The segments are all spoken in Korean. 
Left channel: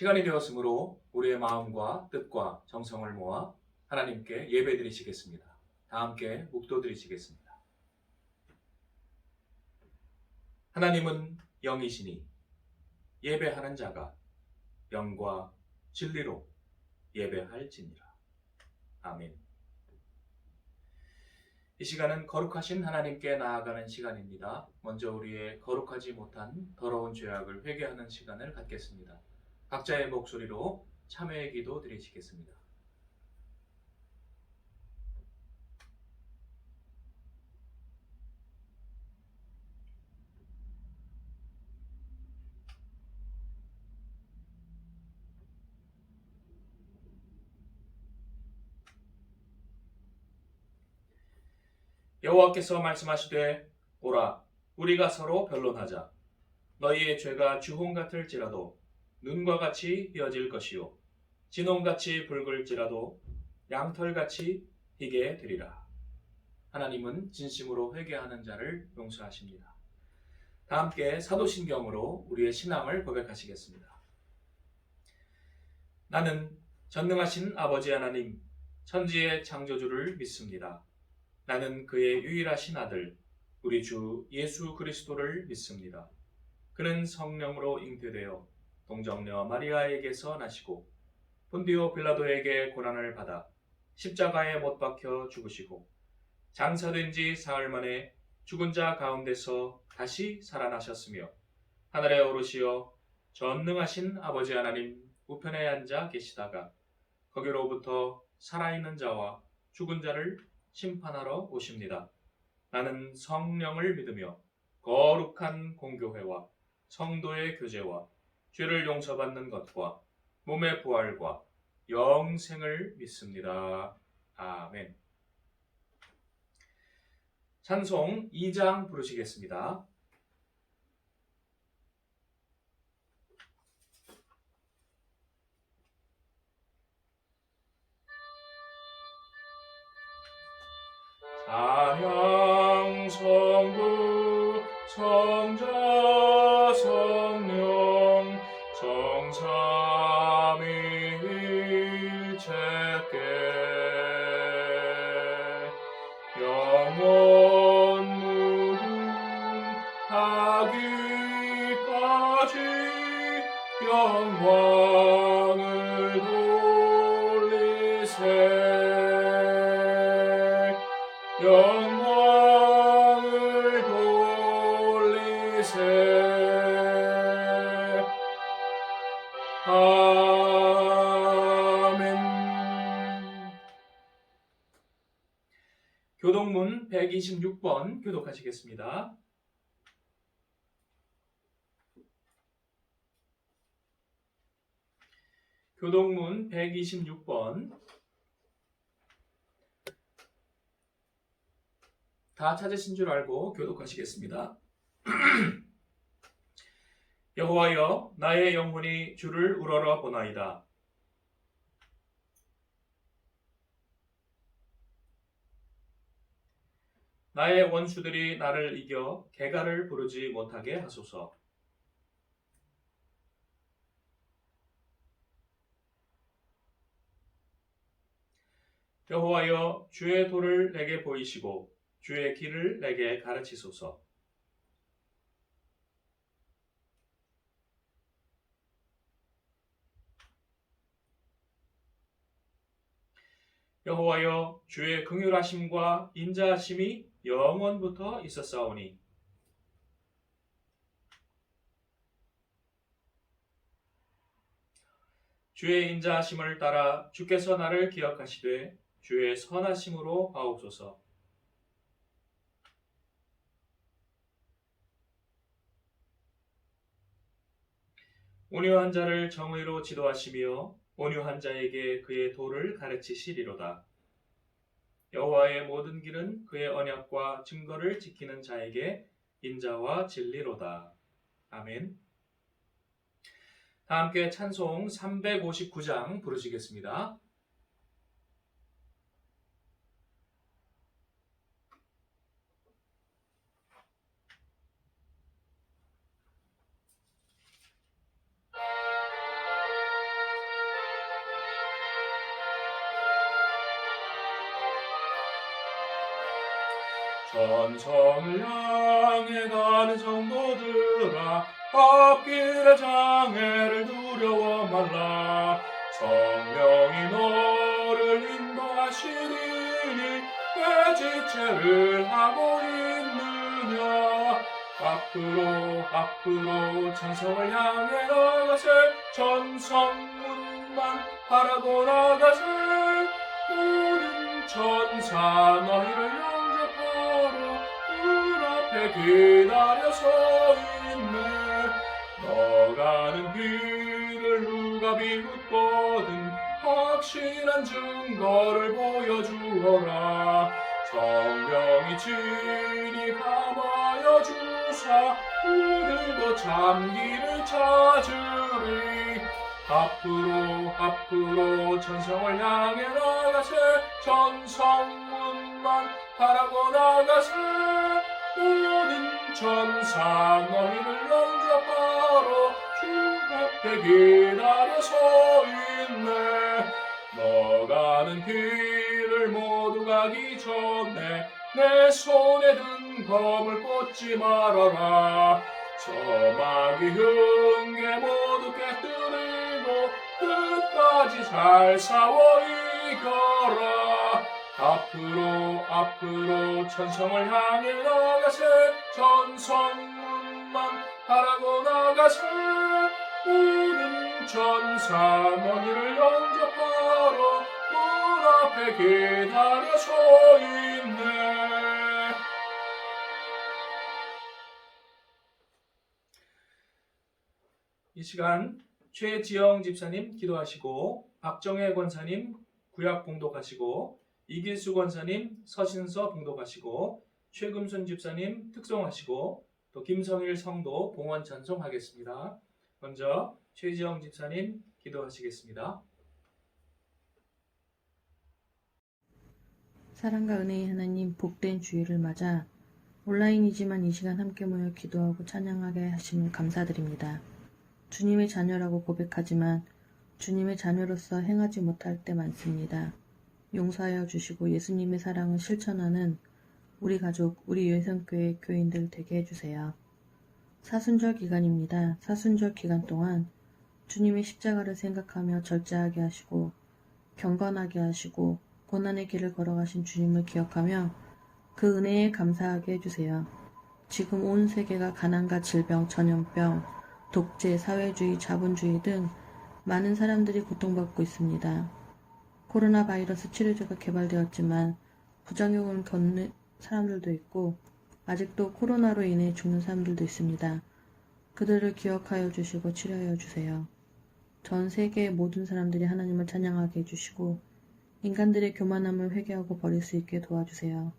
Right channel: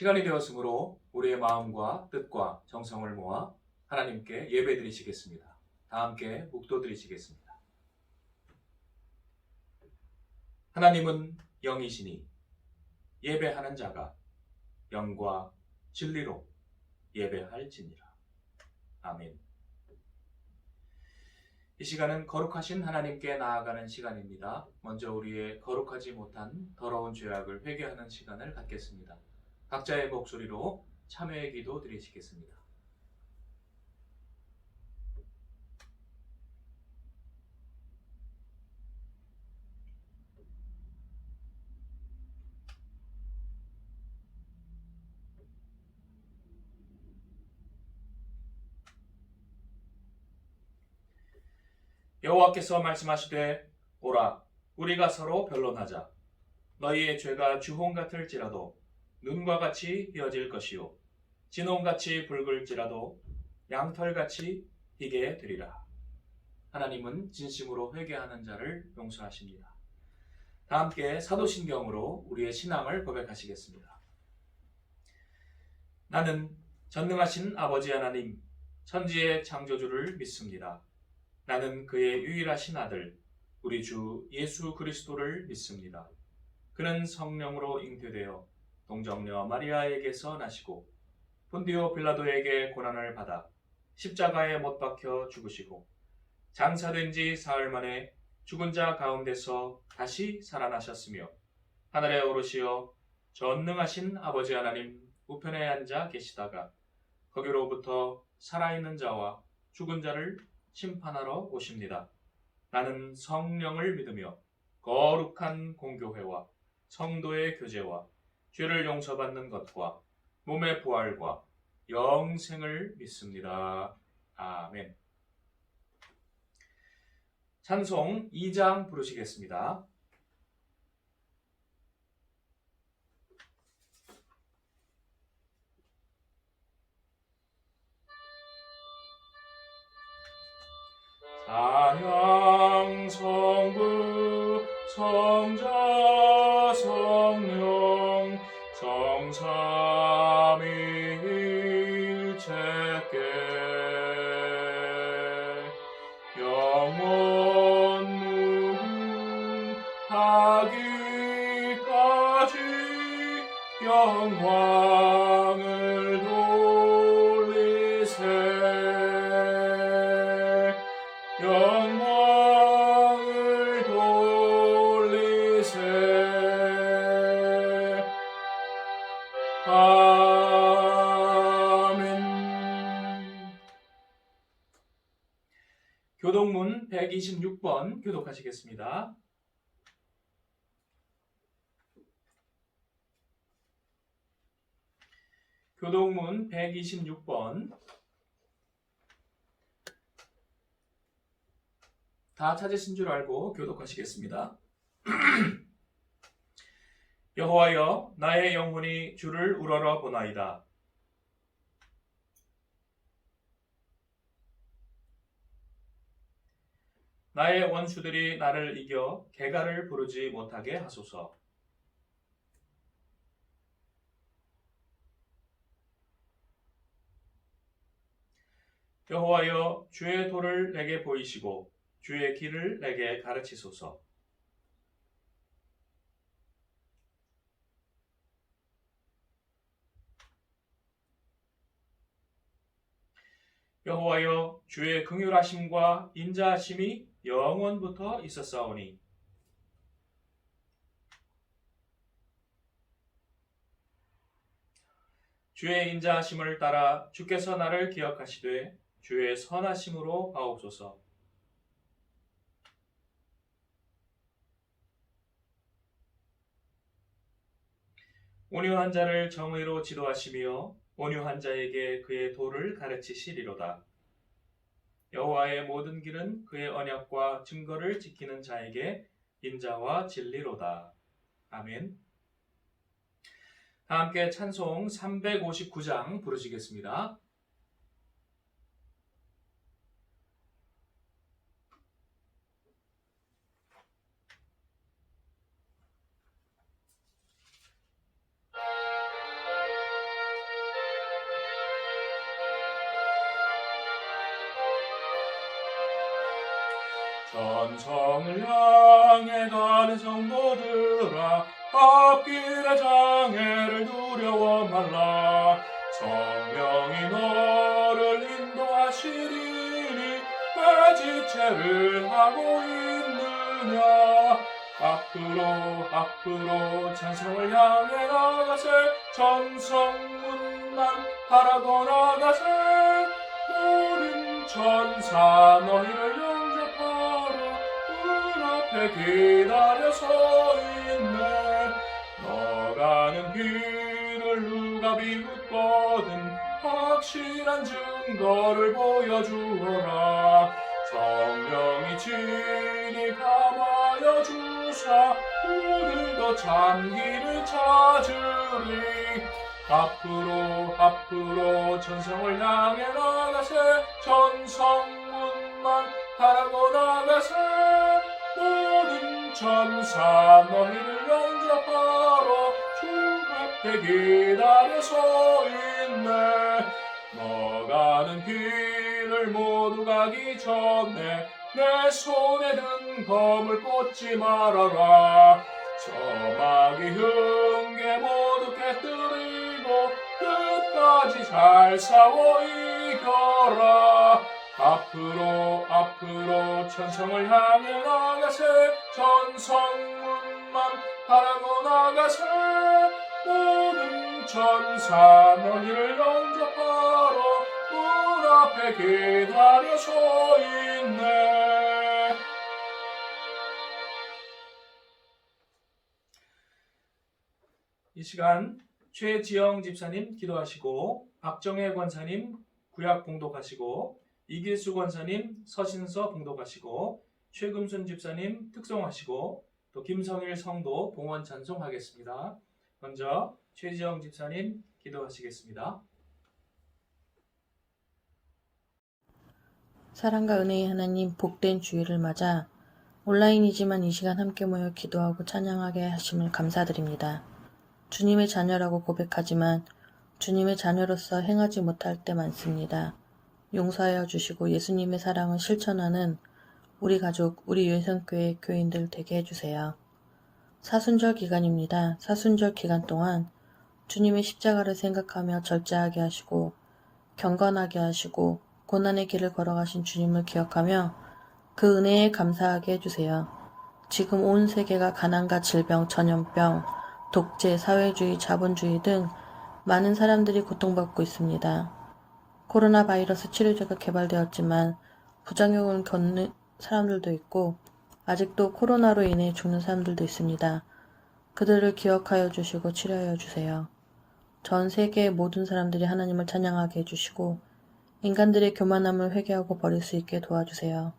시간이 되었으므로 우리의 마음과 뜻과 정성을 모아 하나님께 예배드리시겠습니다. 다 함께 묵도드리시겠습니다. 하나님은 영이시니 예배하는 자가 영과 진리로 예배할지니라. 아멘. 이 시간은 거룩하신 하나님께 나아가는 시간입니다. 먼저 우리의 거룩하지 못한 더러운 죄악을 회개하는 시간을 갖겠습니다. 각자의 목소리로 참회의 기도 드리시겠습니다. 여호와께서 말씀하시되 오라 우리가 서로 변론하자. 너희의 죄가 주홍 같을지라도 눈과 같이 휘어질 것이요 진홍같이 붉을지라도 양털같이 희게 되리라. 하나님은 진심으로 회개하는 자를 용서하십니다. 다 함께 사도신경으로 우리의 신앙을 고백하시겠습니다. 나는 전능하신 아버지 하나님 천지의 창조주를 믿습니다. 나는 그의 유일하신 아들 우리 주 예수 그리스도를 믿습니다. 그는 성령으로 잉태되어 동정녀 마리아에게서 나시고 본디오 빌라도에게 고난을 받아 십자가에 못 박혀 죽으시고 장사된 지 사흘 만에 죽은 자 가운데서 다시 살아나셨으며 하늘에 오르시어 전능하신 아버지 하나님 우편에 앉아 계시다가 거기로부터 살아있는 자와 죽은 자를 심판하러 오십니다. 나는 성령을 믿으며 거룩한 공교회와 성도의 교제와 죄를 용서받는 것과 몸의 부활과 영생을 믿습니다. 아멘. 찬송 2장 부르시겠습니다. 찬양 성부 성자 성령 성삼위일체께 영원 무궁하기까지 영광을 돌리세. 영광을 돌리세. 아멘. 교동문 126번 교독하시겠습니다. 교동문 126번 다 찾으신 줄 알고 교독하시겠습니다. 여호와여 나의 영혼이 주를 우러러 보나이다. 나의 원수들이 나를 이겨 개가를 부르지 못하게 하소서. 여호와여 주의 도를 내게 보이시고 주의 길을 내게 가르치소서. 여호와여 주의 긍휼하심과 인자하심이 영원부터 있었사오니 주의 인자하심을 따라 주께서 나를 기억하시되 주의 선하심으로 하옵소서. 온유한 자를 정의로 지도하시며 온유한 자에게 그의 도를 가르치시리로다. 여호와의 모든 길은 그의 언약과 증거를 지키는 자에게 인자와 진리로다. 아멘. 다 함께 찬송 359장 부르시겠습니다. 전성을 향해 가는 성도들아, 앞길의 장애를 두려워 말라. 성령이 너를 인도하시리니 왜 지체를 하고 있느냐. 앞으로 천성을 향해 나가세. 전성문만 바라고 나가세. 모든 천사 너희를 영접하러 문 앞에 기다려 서 있네. 너 가는 길을 누가 비웃거든 확실한 증거를 보여주어라. 성령이 친히 감하여 주사 그들도 참기를 찾으리. 앞으로 천성을 향해 나가세. 전성문만 바라고 나가세. 모든 천사 너희를 영접하러 주 앞에 기다려 서 있네. 너 가는 길을 모두 가기 전에 내 손에 든 검을 꽂지 말아라. 서막이 흉계 모두 깨뜨리고 끝까지 잘 싸워 이겨라. 앞으로 천성을 향해 나가세. 전성문만 바라고 나가세. 모든 천사 너희를 영접하러 문 앞에 기다려 서 있네. 이 시간 최지영 집사님 기도하시고, 박정혜 권사님 구약 봉독하시고, 이길수 권사님 서신서 봉독하시고, 최금순 집사님 특송하시고, 또 김성일 성도 봉헌 찬송하겠습니다. 먼저 최지영 집사님 기도하시겠습니다. 사랑과 은혜의 하나님, 복된 주일을 맞아 온라인이지만 이 시간 함께 모여 기도하고 찬양하게 하심을 감사드립니다. 주님의 자녀라고 고백하지만 주님의 자녀로서 행하지 못할 때 많습니다. 용서하여 주시고 예수님의 사랑을 실천하는 우리 가족, 우리 예성교회 교인들 되게 해주세요. 사순절 기간입니다. 사순절 기간 동안 주님의 십자가를 생각하며 절제하게 하시고 경건하게 하시고 고난의 길을 걸어가신 주님을 기억하며 그 은혜에 감사하게 해주세요. 지금 온 세계가 가난과 질병, 전염병, 독재, 사회주의, 자본주의 등 많은 사람들이 고통받고 있습니다. 코로나 바이러스 치료제가 개발되었지만 부작용을 겪는 사람들도 있고 아직도 코로나로 인해 죽는 사람들도 있습니다. 그들을 기억하여 주시고 치료하여 주세요. 전 세계의 모든 사람들이 하나님을 찬양하게 해주시고 인간들의 교만함을 회개하고 버릴 수 있게 도와주세요.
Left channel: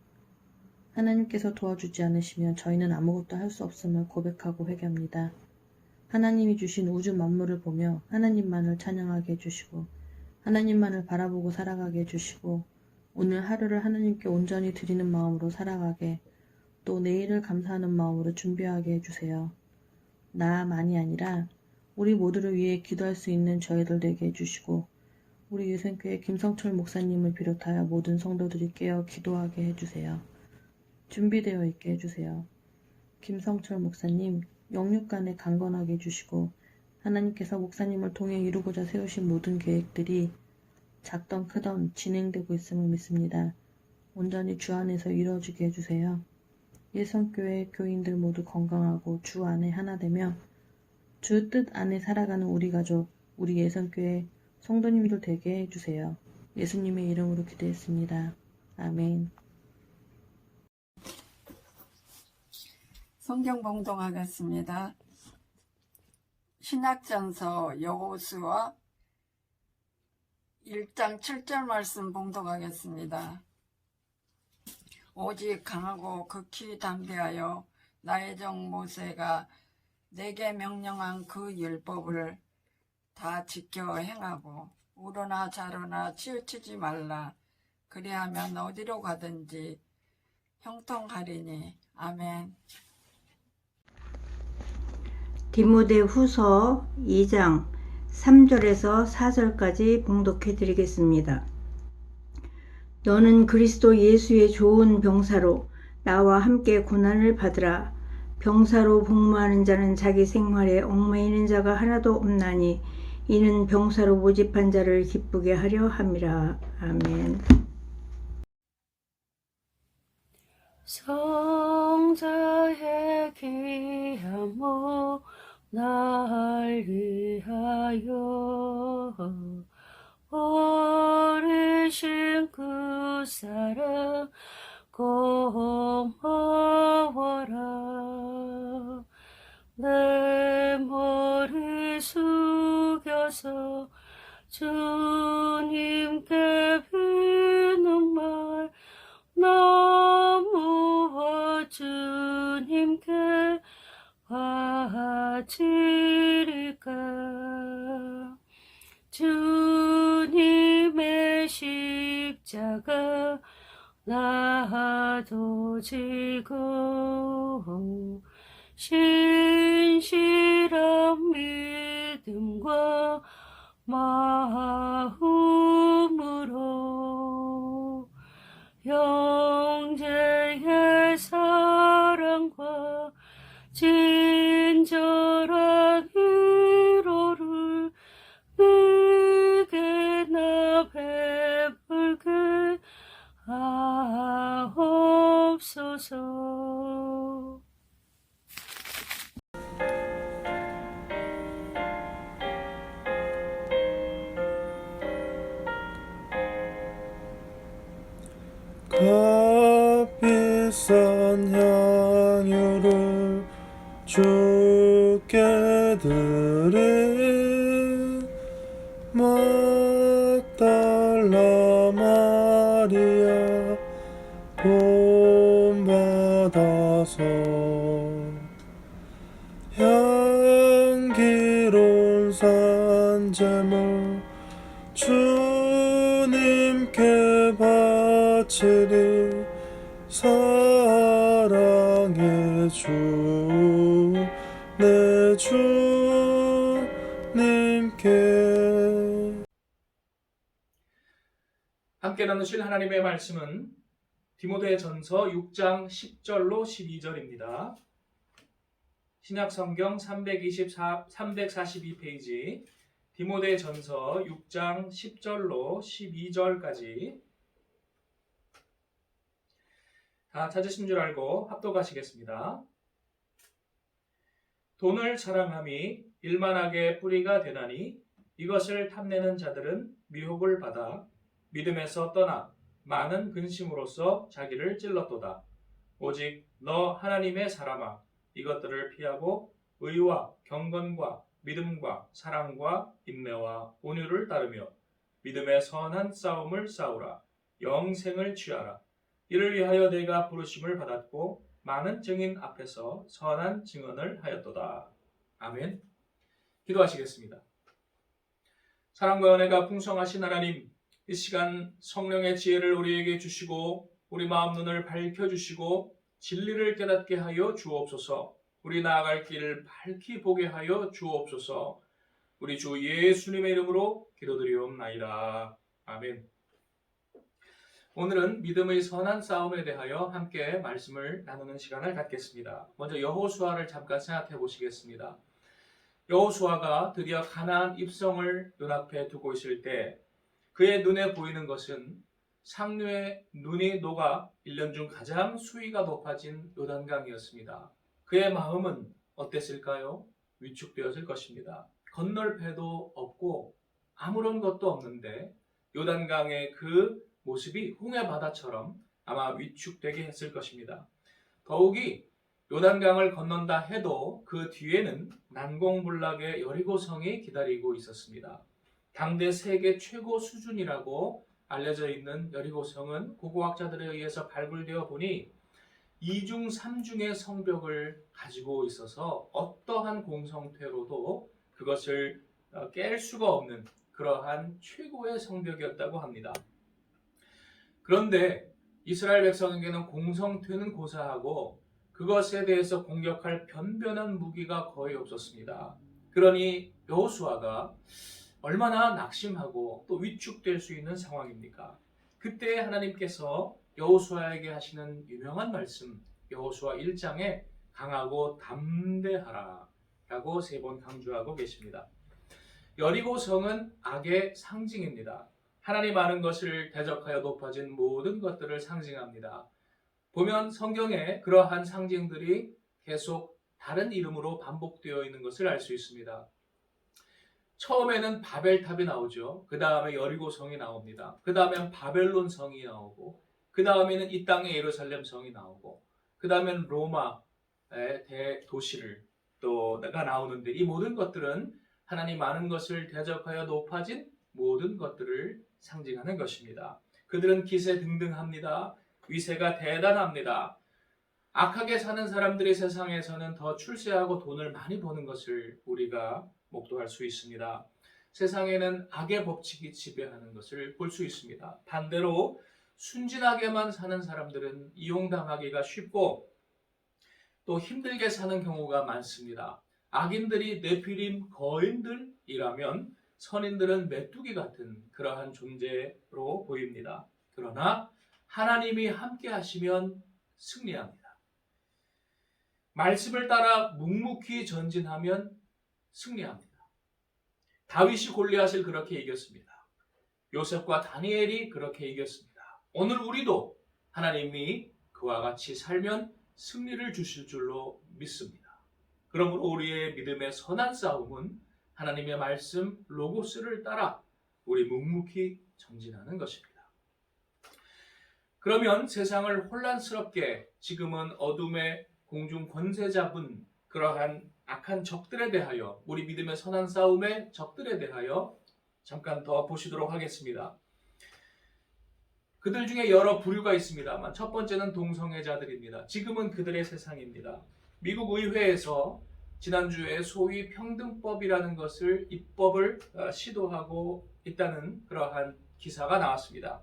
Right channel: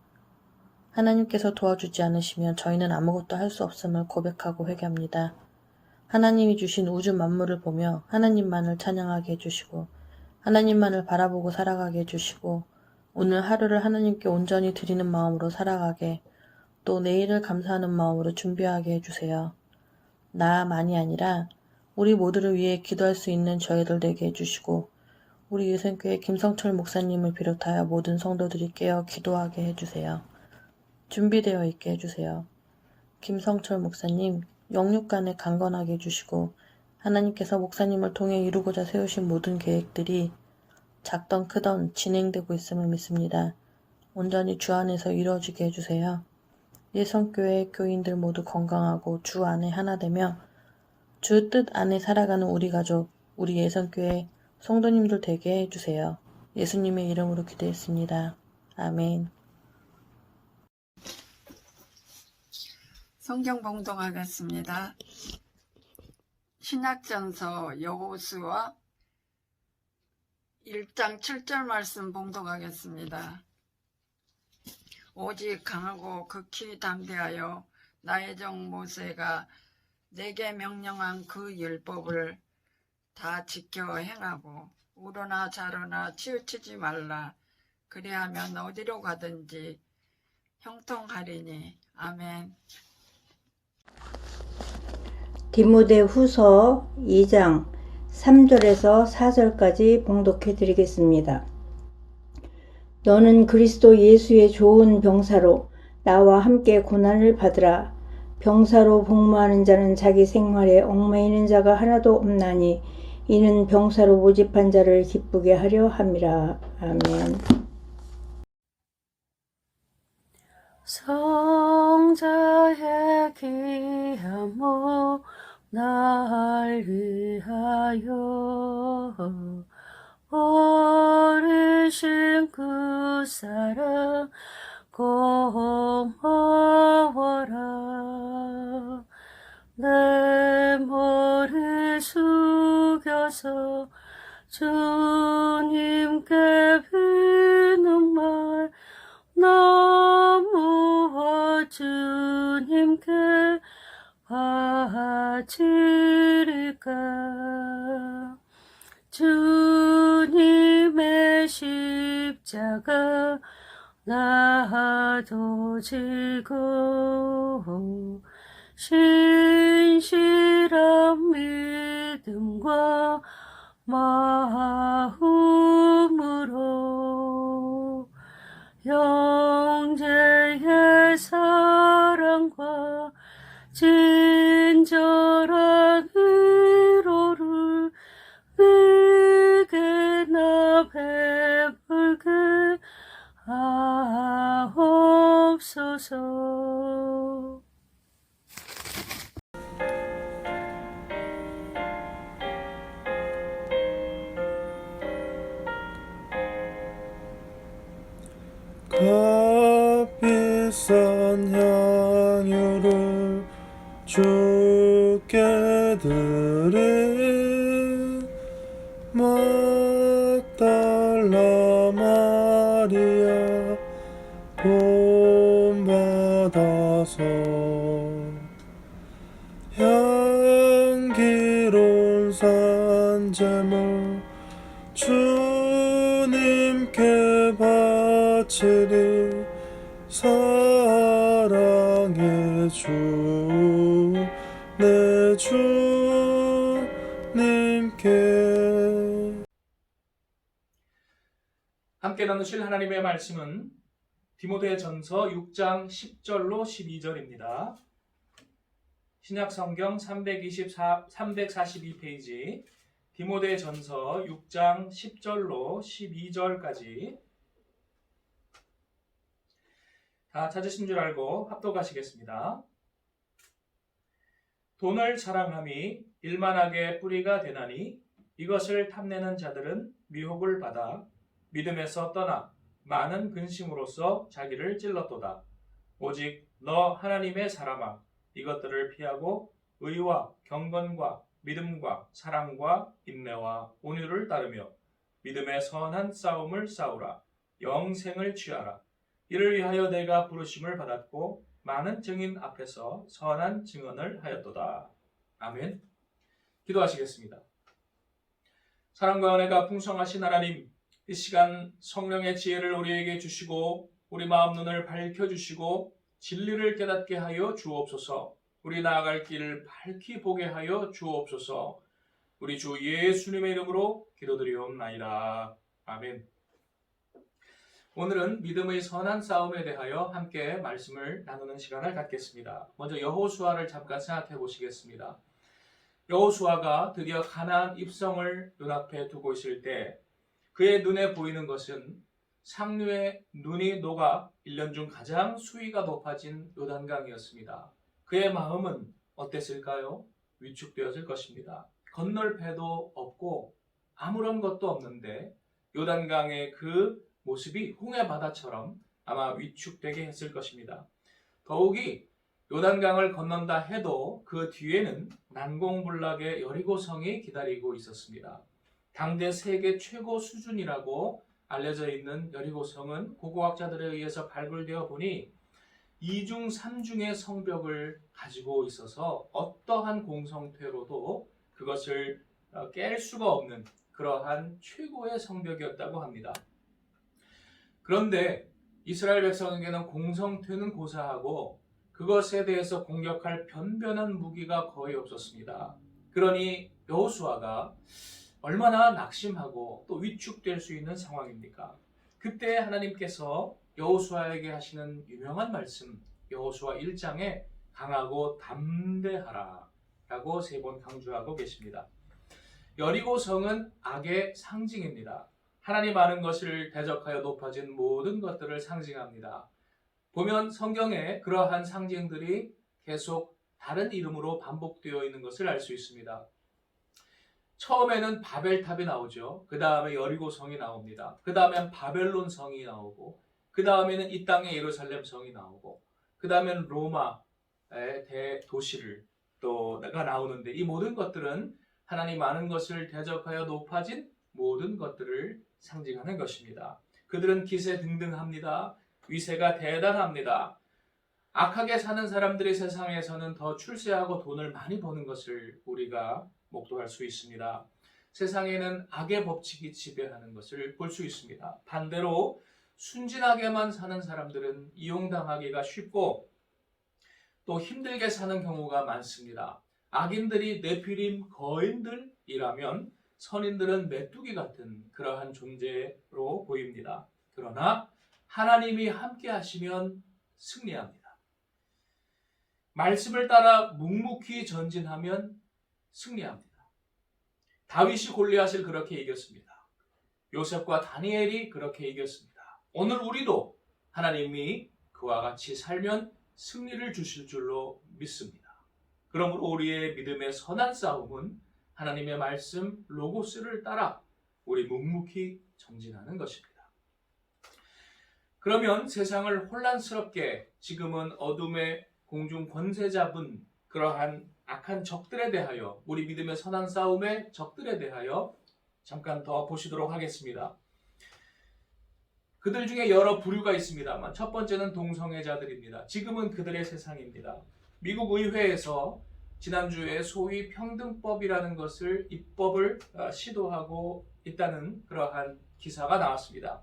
하나님께서 도와주지 않으시면 저희는 아무것도 할 수 없음을 고백하고 회개합니다. 하나님이 주신 우주 만물을 보며 하나님만을 찬양하게 해주시고 하나님만을 바라보고 살아가게 해주시고 오늘 하루를 하나님께 온전히 드리는 마음으로 살아가게, 또 내일을 감사하는 마음으로 준비하게 해주세요. 나만이 아니라 우리 모두를 위해 기도할 수 있는 저희들 되게 해주시고 우리 예성교회 김성철 목사님을 비롯하여 모든 성도들이 깨어 기도하게 해주세요. 준비되어 있게 해주세요. 김성철 목사님 영육간에 강건하게 해주시고 하나님께서 목사님을 통해 이루고자 세우신 모든 계획들이 작던 크던 진행되고 있음을 믿습니다. 온전히 주 안에서 이루어지게 해주세요. 예성교회 교인들 모두 건강하고 주 안에 하나 되며 주 뜻 안에 살아가는 우리 가족, 우리 예성교회 성도님들 되게 해주세요. 예수님의 이름으로 기도했습니다. 아멘. 성경 봉독하겠습니다. 신약전서 여호수아 1장 7절 말씀 봉독하겠습니다. 오직 강하고 극히 담대하여 나의 종 모세가 내게 명령한 그 율법을 다 지켜 행하고 우로나 좌로나 치우치지 말라. 그리하면 어디로 가든지 형통하리니. 아멘. 디모데후서 2장 3절에서 4절까지 봉독해 드리겠습니다. 너는 그리스도 예수의 좋은 병사로 나와 함께 고난을 받으라. 병사로 복무하는 자는 자기 생활에 얽매이는 자가 하나도 없나니 이는 병사로 모집한 자를 기쁘게 하려 함이라. 아멘. 성자의 귀함모 날 위하여 버리신 그 사랑 고마워라. 내 머리 숙여서 주님께 비는 말 나무와 주님께 바치리까. 주님의 십자가 나도 지고 신실한 믿음과 마음으로 형제의 사랑과 친절한 위로를 위게나 베풀게 하옵소서. 값비싼 향유를 주께 드린 막달라 마리아 본받아서 향기로운 산제물 주님께 바치리. 사랑의 주 내 주님께. 함께 나누실 하나님의 말씀은 디모데전서 6장 10절로 12절입니다. 신약성경 342페이지 디모데전서 6장 10절로 12절까지 다 찾으신 줄 알고 합독하시겠습니다. 돈을 사랑함이 일만하게 뿌리가 되나니 이것을 탐내는 자들은 미혹을 받아 믿음에서 떠나 많은 근심으로써 자기를 찔렀도다. 오직 너 하나님의 사람아, 이것들을 피하고 의와 경건과 믿음과 사랑과 인내와 온유를 따르며 믿음의 선한 싸움을 싸우라. 영생을 취하라. 이를 위하여 내가 부르심을 받았고 많은 증인 앞에서 선한 증언을 하였도다. 아멘. 기도하시겠습니다. 사랑과 은혜가 풍성하신 하나님, 이 시간 성령의 지혜를 우리에게 주시고 우리 마음 눈을 밝혀주시고 진리를 깨닫게 하여 주옵소서. 우리 나아갈 길을 밝히 보게 하여 주옵소서. 우리 주 예수님의 이름으로 기도드리옵나이다. 아멘. 오늘은 믿음의 선한 싸움에 대하여 함께 말씀을 나누는 시간을 갖겠습니다. 먼저 여호수아를 잠깐 생각해 보시겠습니다. 여호수아가 드디어 가나안 입성을 눈앞에 두고 있을 때 그의 눈에 보이는 것은 상류의 눈이 녹아 1년 중 가장 수위가 높아진 요단강이었습니다. 그의 마음은 어땠을까요? 위축되었을 것입니다. 건널 배도 없고 아무런 것도 없는데 요단강의 그 모습이 홍해 바다처럼 아마 위축되게 했을 것입니다. 더욱이 요단강을 건넌다 해도 그 뒤에는 난공불락의 여리고성이 기다리고 있었습니다. 당대 세계 최고 수준이라고 알려져 있는 여리고성은 고고학자들에 의해서 발굴되어 보니 2중 3중의 성벽을 가지고 있어서 어떠한 공성태로도 그것을 깰 수가 없는 그러한 최고의 성벽이었다고 합니다. 그런데 이스라엘 백성에게는 공성태는 고사하고 그것에 대해서 공격할 변변한 무기가 거의 없었습니다. 그러니 여호수아가 얼마나 낙심하고 또 위축될 수 있는 상황입니까? 그때 하나님께서 여호수아에게 하시는 유명한 말씀, 여호수아 1장에 강하고 담대하라 라고 3번 강조하고 계십니다. 여리고 성은 악의 상징입니다. 하나님 아는 것을 대적하여 높아진 모든 것들을 상징합니다. 보면 성경에 그러한 상징들이 계속 다른 이름으로 반복되어 있는 것을 알 수 있습니다. 처음에는 바벨탑이 나오죠. 그 다음에 여리고 성이 나옵니다. 그 다음엔 바벨론 성이 나오고, 그 다음에는 이 땅의 예루살렘 성이 나오고, 그 다음에는 로마의 대도시를 또가 나오는데, 이 모든 것들은 하나님 아는 것을 대적하여 높아진 모든 것들을 상징하는 것입니다. 그들은 기세등등합니다. 위세가 대단합니다. 악하게 사는 사람들의 세상에서는 더 출세하고 돈을 많이 버는 것을 우리가 목도할 수 있습니다. 세상에는 악의 법칙이 지배하는 것을 볼 수 있습니다. 반대로 순진하게만 사는 사람들은 이용당하기가 쉽고 또 힘들게 사는 경우가 많습니다. 악인들이 네피림 거인들이라면 선인들은 메뚜기 같은 그러한 존재로 보입니다. 그러나 하나님이 함께 하시면 승리합니다. 말씀을 따라 묵묵히 전진하면 승리합니다. 다윗이 골리앗을 그렇게 이겼습니다. 요셉과 다니엘이 그렇게 이겼습니다. 오늘 우리도 하나님이 그와 같이 살면 승리를 주실 줄로 믿습니다. 그러므로 우리의 믿음의 선한 싸움은 하나님의 말씀 로고스를 따라 우리 묵묵히 전진하는 것입니다. 그러면 세상을 혼란스럽게 지금은 어둠의 공중 권세 잡은 그러한 악한 적들에 대하여, 우리 믿음의 선한 싸움의 적들에 대하여 잠깐 더 보시도록 하겠습니다. 그들 중에 여러 부류가 있습니다만 첫 번째는 동성애자들입니다. 지금은 그들의 세상입니다. 미국 의회에서 지난주에 소위 평등법이라는 것을 입법을 시도하고 있다는 그러한 기사가 나왔습니다.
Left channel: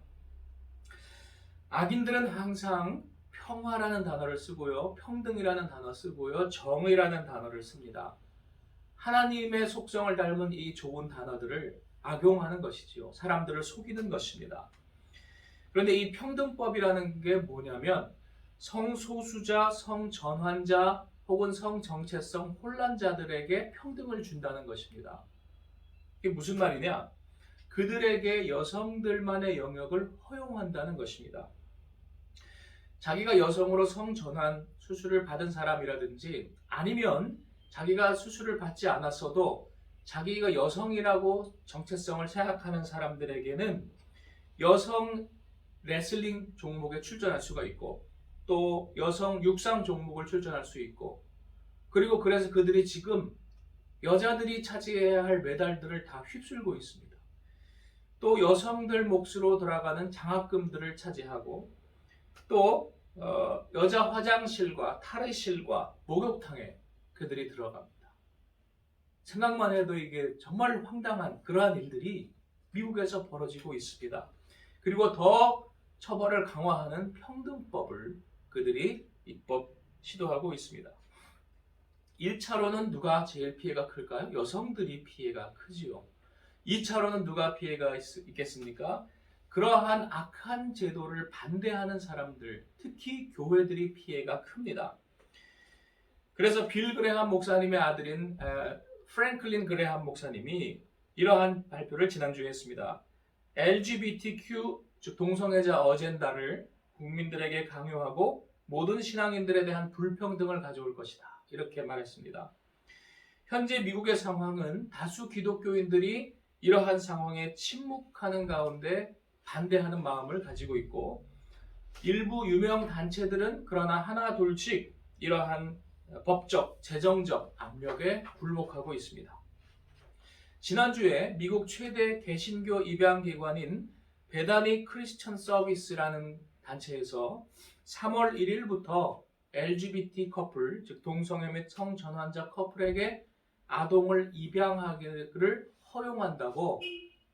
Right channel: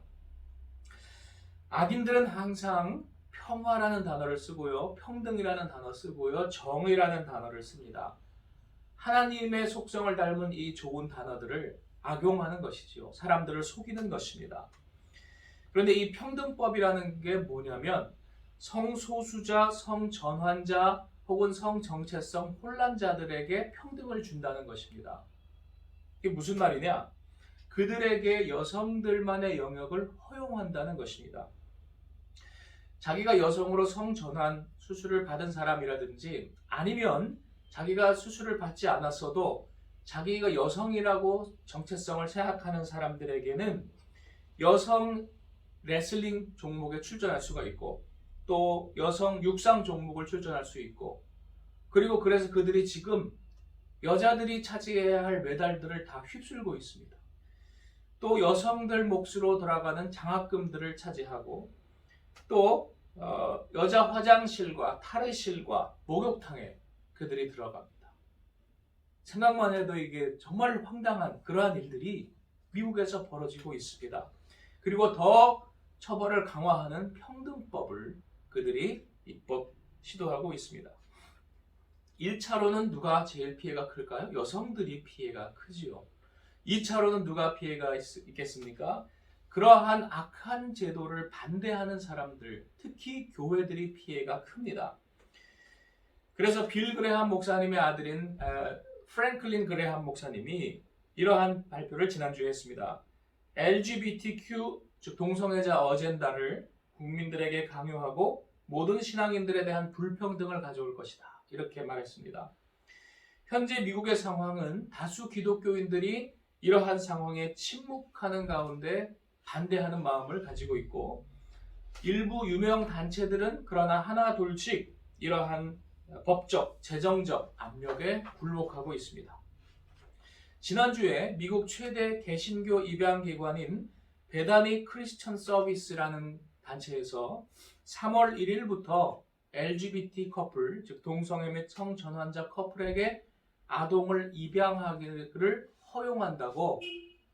악인들은 항상 평화라는 단어를 쓰고요, 평등이라는 단어 쓰고요, 정의라는 단어를 씁니다. 하나님의 속성을 닮은 이 좋은 단어들을 악용하는 것이지요. 사람들을 속이는 것입니다. 그런데 이 평등법이라는 게 뭐냐면 성소수자, 성전환자 혹은 성정체성 혼란자들에게 평등을 준다는 것입니다. 이게 무슨 말이냐? 그들에게 여성들만의 영역을 허용한다는 것입니다. 자기가 여성으로 성전환 수술을 받은 사람이라든지 아니면 자기가 수술을 받지 않았어도 자기가 여성이라고 정체성을 생각하는 사람들에게는 여성 레슬링 종목에 출전할 수가 있고 또 여성 육상 종목을 출전할 수 있고, 그리고 그래서 그들이 지금 여자들이 차지해야 할 메달들을 다 휩쓸고 있습니다. 또 여성들 몫으로 돌아가는 장학금들을 차지하고 또 여자 화장실과 탈의실과 목욕탕에 그들이 들어갑니다. 생각만 해도 이게 정말 황당한 그러한 일들이 미국에서 벌어지고 있습니다. 그리고 더 처벌을 강화하는 평등법을 그들이 입법 시도하고 있습니다. 1차로는 누가 제일 피해가 클까요? 여성들이 피해가 크지요. 2차로는 누가 피해가 있겠습니까? 그러한 악한 제도를 반대하는 사람들, 특히 교회들이 피해가 큽니다. 그래서 빌 그레함 목사님의 아들인 프랭클린 그레함 목사님이 이러한 발표를 지난주에 했습니다. LGBTQ, 즉 동성애자 어젠다를 국민들에게 강요하고 모든 신앙인들에 대한 불평등을 가져올 것이다. 이렇게 말했습니다. 현재 미국의 상황은 다수 기독교인들이 이러한 상황에 침묵하는 가운데 반대하는 마음을 가지고 있고, 일부 유명 단체들은 그러나 하나 둘씩 이러한 법적, 재정적 압력에 굴복하고 있습니다. 지난주에 미국 최대 개신교 입양기관인 베다니 크리스천 서비스라는 단체에서 3월 1일부터 LGBT 커플, 즉 동성애 및 성전환자 커플에게 아동을 입양하기를 허용한다고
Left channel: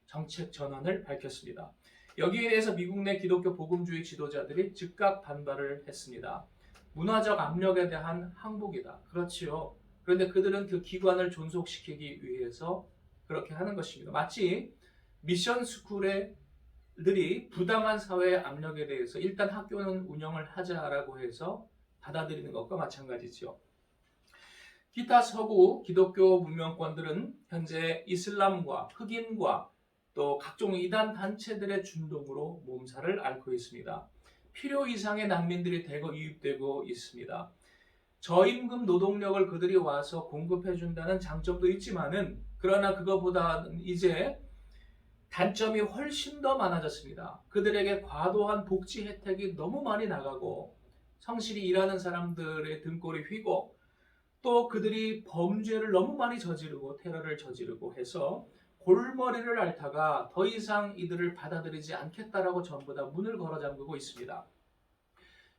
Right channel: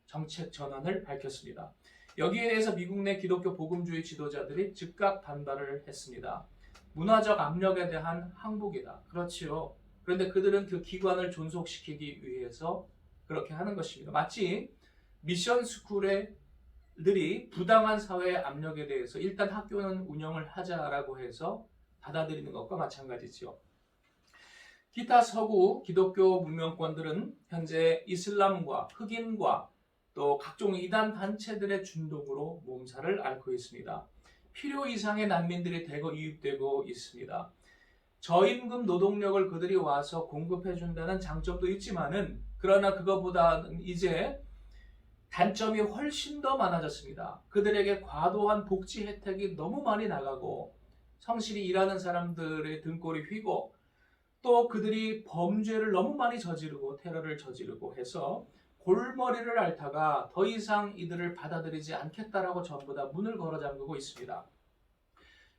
정책 전환을 밝혔습니다. 여기에 대해서 미국 내 기독교 복음주의 지도자들이 즉각 반발을 했습니다. 문화적 압력에 대한 항복이다. 그렇지요. 그런데 그들은 그 기관을 존속시키기 위해서 그렇게 하는 것입니다. 마치 미션 스쿨에 학생들이 부당한 사회의 압력에 대해서 일단 학교는 운영을 하자라고 해서 받아들이는 것과 마찬가지죠. 기타 서구 기독교 문명권들은 현재 이슬람과 흑인과 또 각종 이단 단체들의 준동으로 몸살을 앓고 있습니다. 필요 이상의 난민들이 대거 유입되고 있습니다. 저임금 노동력을 그들이 와서 공급해 준다는 장점도 있지만은 그러나 그거보다는 이제 단점이 훨씬 더 많아졌습니다. 그들에게 과도한 복지 혜택이 너무 많이 나가고 성실히 일하는 사람들의 등골이 휘고 또 그들이 범죄를 너무 많이 저지르고 테러를 저지르고 해서 골머리를 앓다가 더 이상 이들을 받아들이지 않겠다라고 전부 다 문을 걸어 잠그고 있습니다.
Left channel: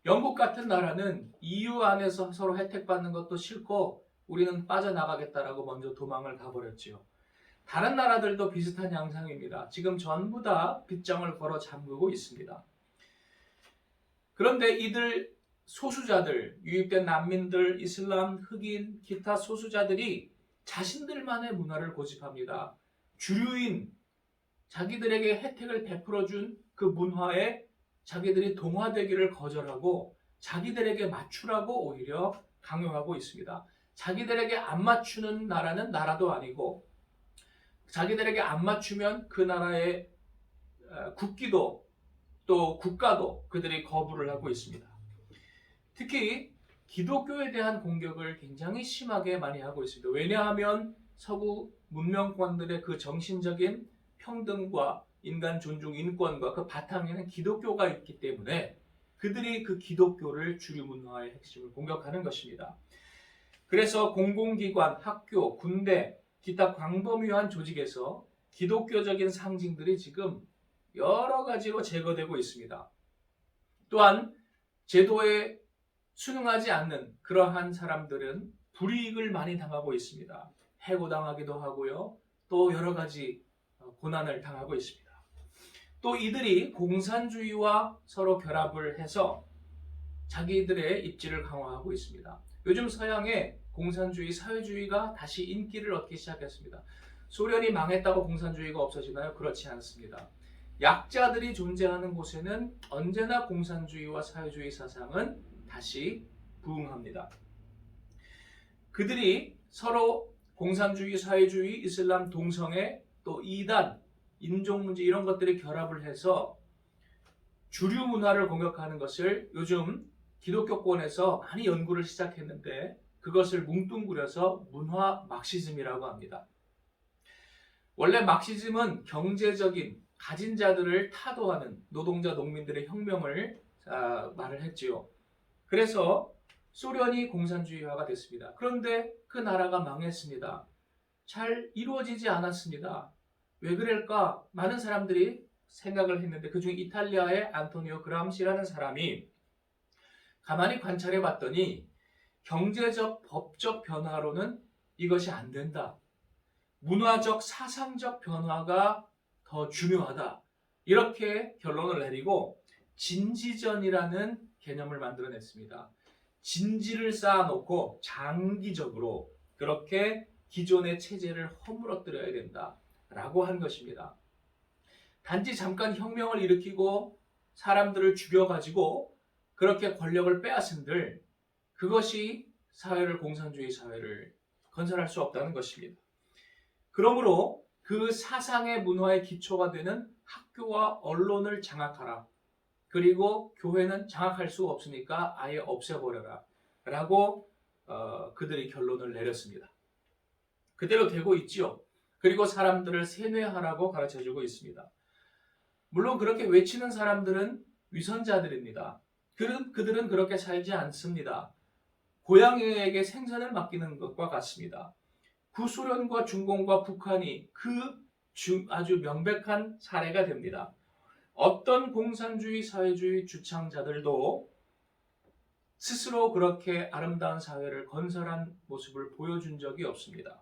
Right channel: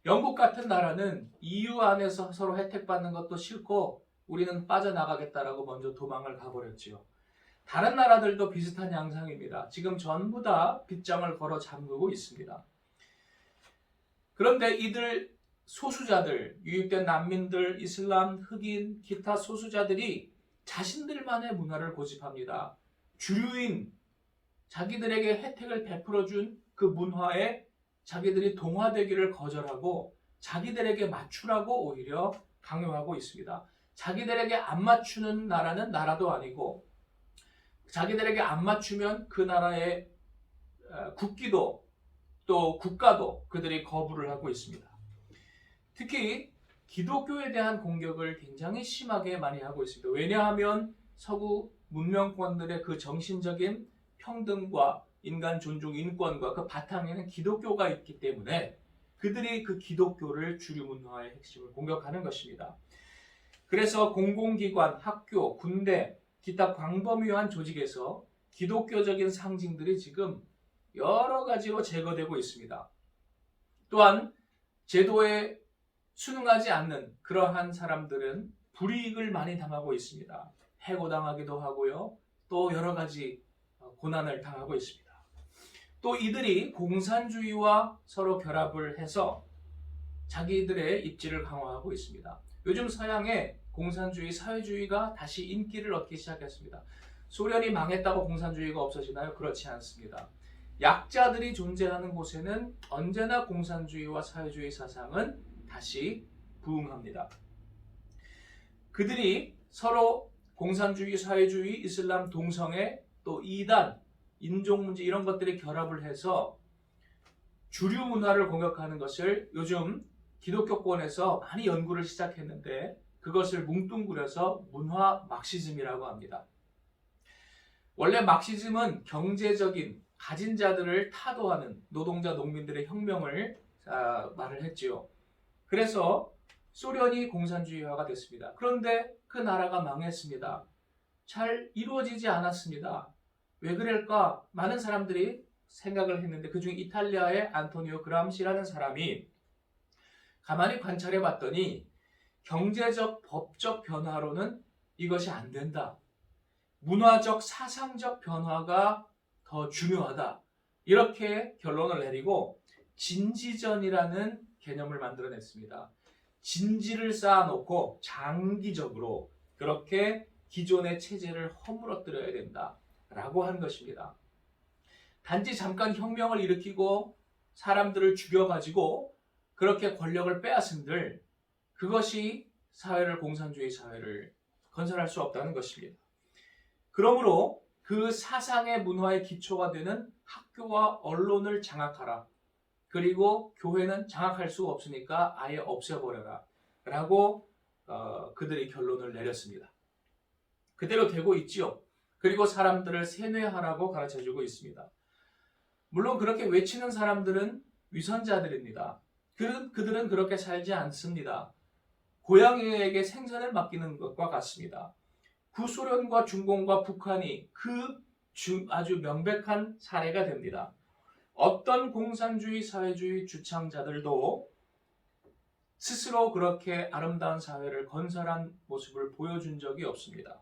영국 같은 나라는 EU 안에서 서로 혜택받는 것도 싫고 우리는 빠져나가겠다라고 먼저 도망을 가버렸지요. 다른 나라들도 비슷한 양상입니다. 지금 전부 다 빗장을 걸어 잠그고 있습니다. 그런데 이들 소수자들, 유입된 난민들, 이슬람, 흑인, 기타 소수자들이 자신들만의 문화를 고집합니다. 주류인 자기들에게 혜택을 베풀어준 그 문화에 자기들이 동화되기를 거절하고 자기들에게 맞추라고 오히려 강요하고 있습니다. 자기들에게 안 맞추는 나라는 나라도 아니고 자기들에게 안 맞추면 그 나라의 국기도 또 국가도 그들이 거부를 하고 있습니다. 특히 기독교에 대한 공격을 굉장히 심하게 많이 하고 있습니다. 왜냐하면 서구 문명권들의 그 정신적인 평등과 인간 존중, 인권과 그 바탕에는 기독교가 있기 때문에 그들이 그 기독교를 주류 문화의 핵심을 공격하는 것입니다. 그래서 공공기관, 학교, 군대, 기타 광범위한 조직에서 기독교적인 상징들이 지금 여러 가지로 제거되고 있습니다. 또한 제도에 순응하지 않는 그러한 사람들은 불이익을 많이 당하고 있습니다. 해고당하기도 하고요. 또 여러 가지 고난을 당하고 있습니다. 또 이들이 공산주의와 서로 결합을 해서 자기들의 입지를 강화하고 있습니다. 요즘 서양의 공산주의, 사회주의가 다시 인기를 얻기 시작했습니다. 소련이 망했다고 공산주의가 없어지나요? 그렇지 않습니다. 약자들이 존재하는 곳에는 언제나 공산주의와 사회주의 사상은 다시 부흥합니다. 그들이 서로 공산주의, 사회주의, 이슬람 동성애, 또 이단, 인종문제 이런 것들이 결합을 해서 주류 문화를 공격하는 것을 요즘 기독교권에서 많이 연구를 시작했는데 그것을 뭉뚱그려서 문화 막시즘이라고 합니다. 원래 막시즘은 경제적인 가진 자들을 타도하는 노동자 농민들의 혁명을 말을 했지요. 그래서 소련이 공산주의화가 됐습니다. 그런데 그 나라가 망했습니다. 잘 이루어지지 않았습니다. 왜 그럴까? 많은 사람들이 생각을 했는데 그중 이탈리아의 안토니오 그람시라는 사람이 가만히 관찰해 봤더니 경제적, 법적 변화로는 이것이 안 된다. 문화적, 사상적 변화가 더 중요하다. 이렇게 결론을 내리고 진지전이라는 개념을 만들어냈습니다. 진지를 쌓아놓고 장기적으로 그렇게 기존의 체제를 허물어뜨려야 된다라고 한 것입니다. 단지 잠깐 혁명을 일으키고 사람들을 죽여가지고 그렇게 권력을 빼앗은들 그것이 사회를 공산주의 사회를 건설할 수 없다는 것입니다. 그러므로 그 사상의 문화의 기초가 되는 학교와 언론을 장악하라. 그리고 교회는 장악할 수가 없으니까 아예 없애버려라. 라고 그들이 결론을 내렸습니다. 그대로 되고 있지요. 그리고 사람들을 세뇌하라고 가르쳐주고 있습니다. 물론 그렇게 외치는 사람들은 위선자들입니다. 그들은 그렇게 살지 않습니다. 고양이에게 생선을 맡기는 것과 같습니다. 구소련과 중공과 북한이 아주 명백한 사례가 됩니다. 어떤 공산주의, 사회주의 주창자들도 스스로 그렇게 아름다운 사회를 건설한 모습을 보여준 적이 없습니다.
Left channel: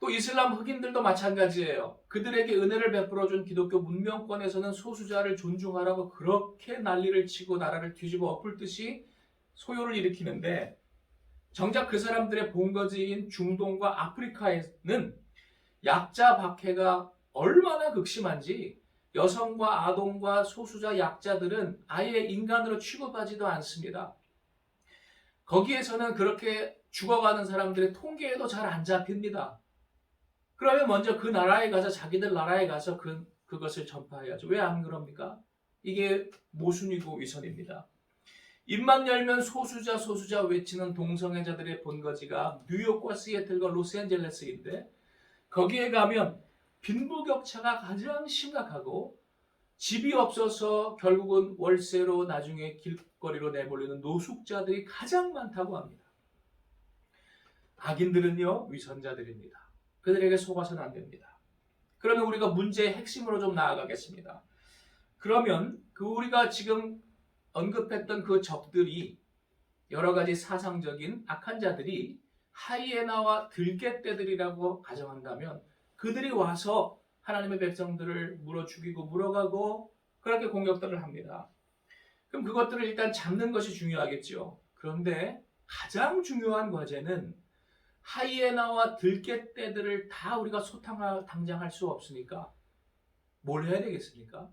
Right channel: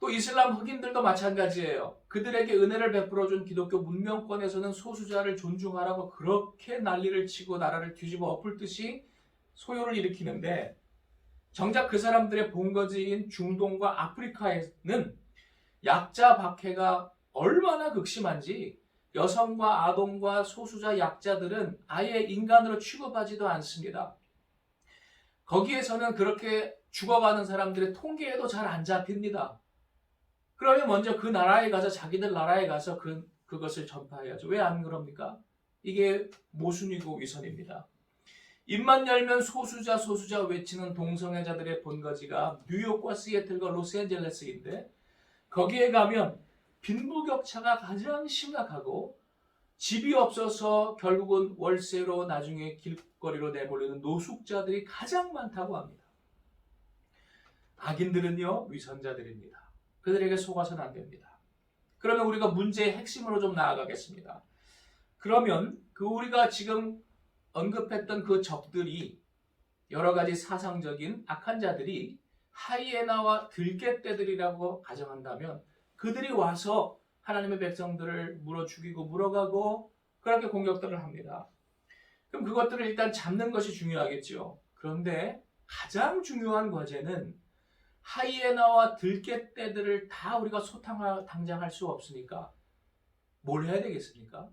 또 이슬람 흑인들도 마찬가지예요. 그들에게 은혜를 베풀어준 기독교 문명권에서는 소수자를 존중하라고 그렇게 난리를 치고 나라를 뒤집어 엎을 듯이 소요를 일으키는데 정작 그 사람들의 본거지인 중동과 아프리카에는 약자 박해가 얼마나 극심한지 여성과 아동과 소수자 약자들은 아예 인간으로 취급하지도 않습니다. 거기에서는 그렇게 죽어가는 사람들의 통계에도 잘 안 잡힙니다. 그러면 먼저 그 나라에 가서 자기들 나라에 가서 그것을 전파해야죠. 왜 안 그럽니까? 이게 모순이고 위선입니다. 입만 열면 소수자 외치는 동성애자들의 본거지가 뉴욕과 시애틀과 로스앤젤레스인데 거기에 가면 빈부격차가 가장 심각하고 집이 없어서 결국은 월세로 나중에 길거리로 내몰리는 노숙자들이 가장 많다고 합니다. 악인들은요, 위선자들입니다. 그들에게 속아서는 안 됩니다. 그러면 우리가 문제의 핵심으로 좀 나아가겠습니다. 그러면 우리가 지금 언급했던 그 적들이 여러 가지 사상적인 악한 자들이 하이에나와 들개떼들이라고 가정한다면 그들이 와서 하나님의 백성들을 물어 죽이고 물어가고 그렇게 공격들을 합니다. 그럼 그것들을 일단 잡는 것이 중요하겠죠. 그런데 가장 중요한 과제는 하이에나와 들개떼들을 다 우리가 당장할 수 없으니까 뭘 해야 되겠습니까?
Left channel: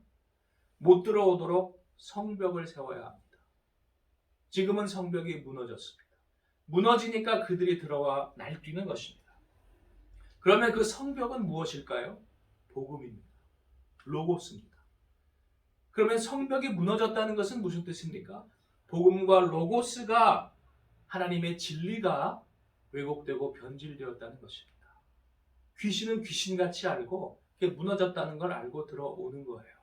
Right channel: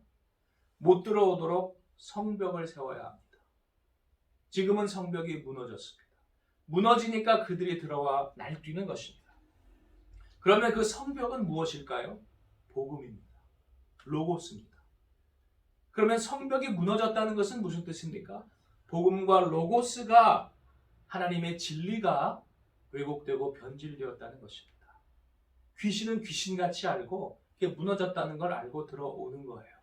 못 들어오도록 성벽을 세워야 합니다. 지금은 성벽이 무너졌습니다. 무너지니까 그들이 들어와 날뛰는 것입니다. 그러면 그 성벽은 무엇일까요? 복음입니다. 로고스입니다. 그러면 성벽이 무너졌다는 것은 무슨 뜻입니까? 복음과 로고스가 하나님의 진리가 왜곡되고 변질되었다는 것입니다. 귀신은 귀신같이 알고 그게 무너졌다는 걸 알고 들어오는 거예요.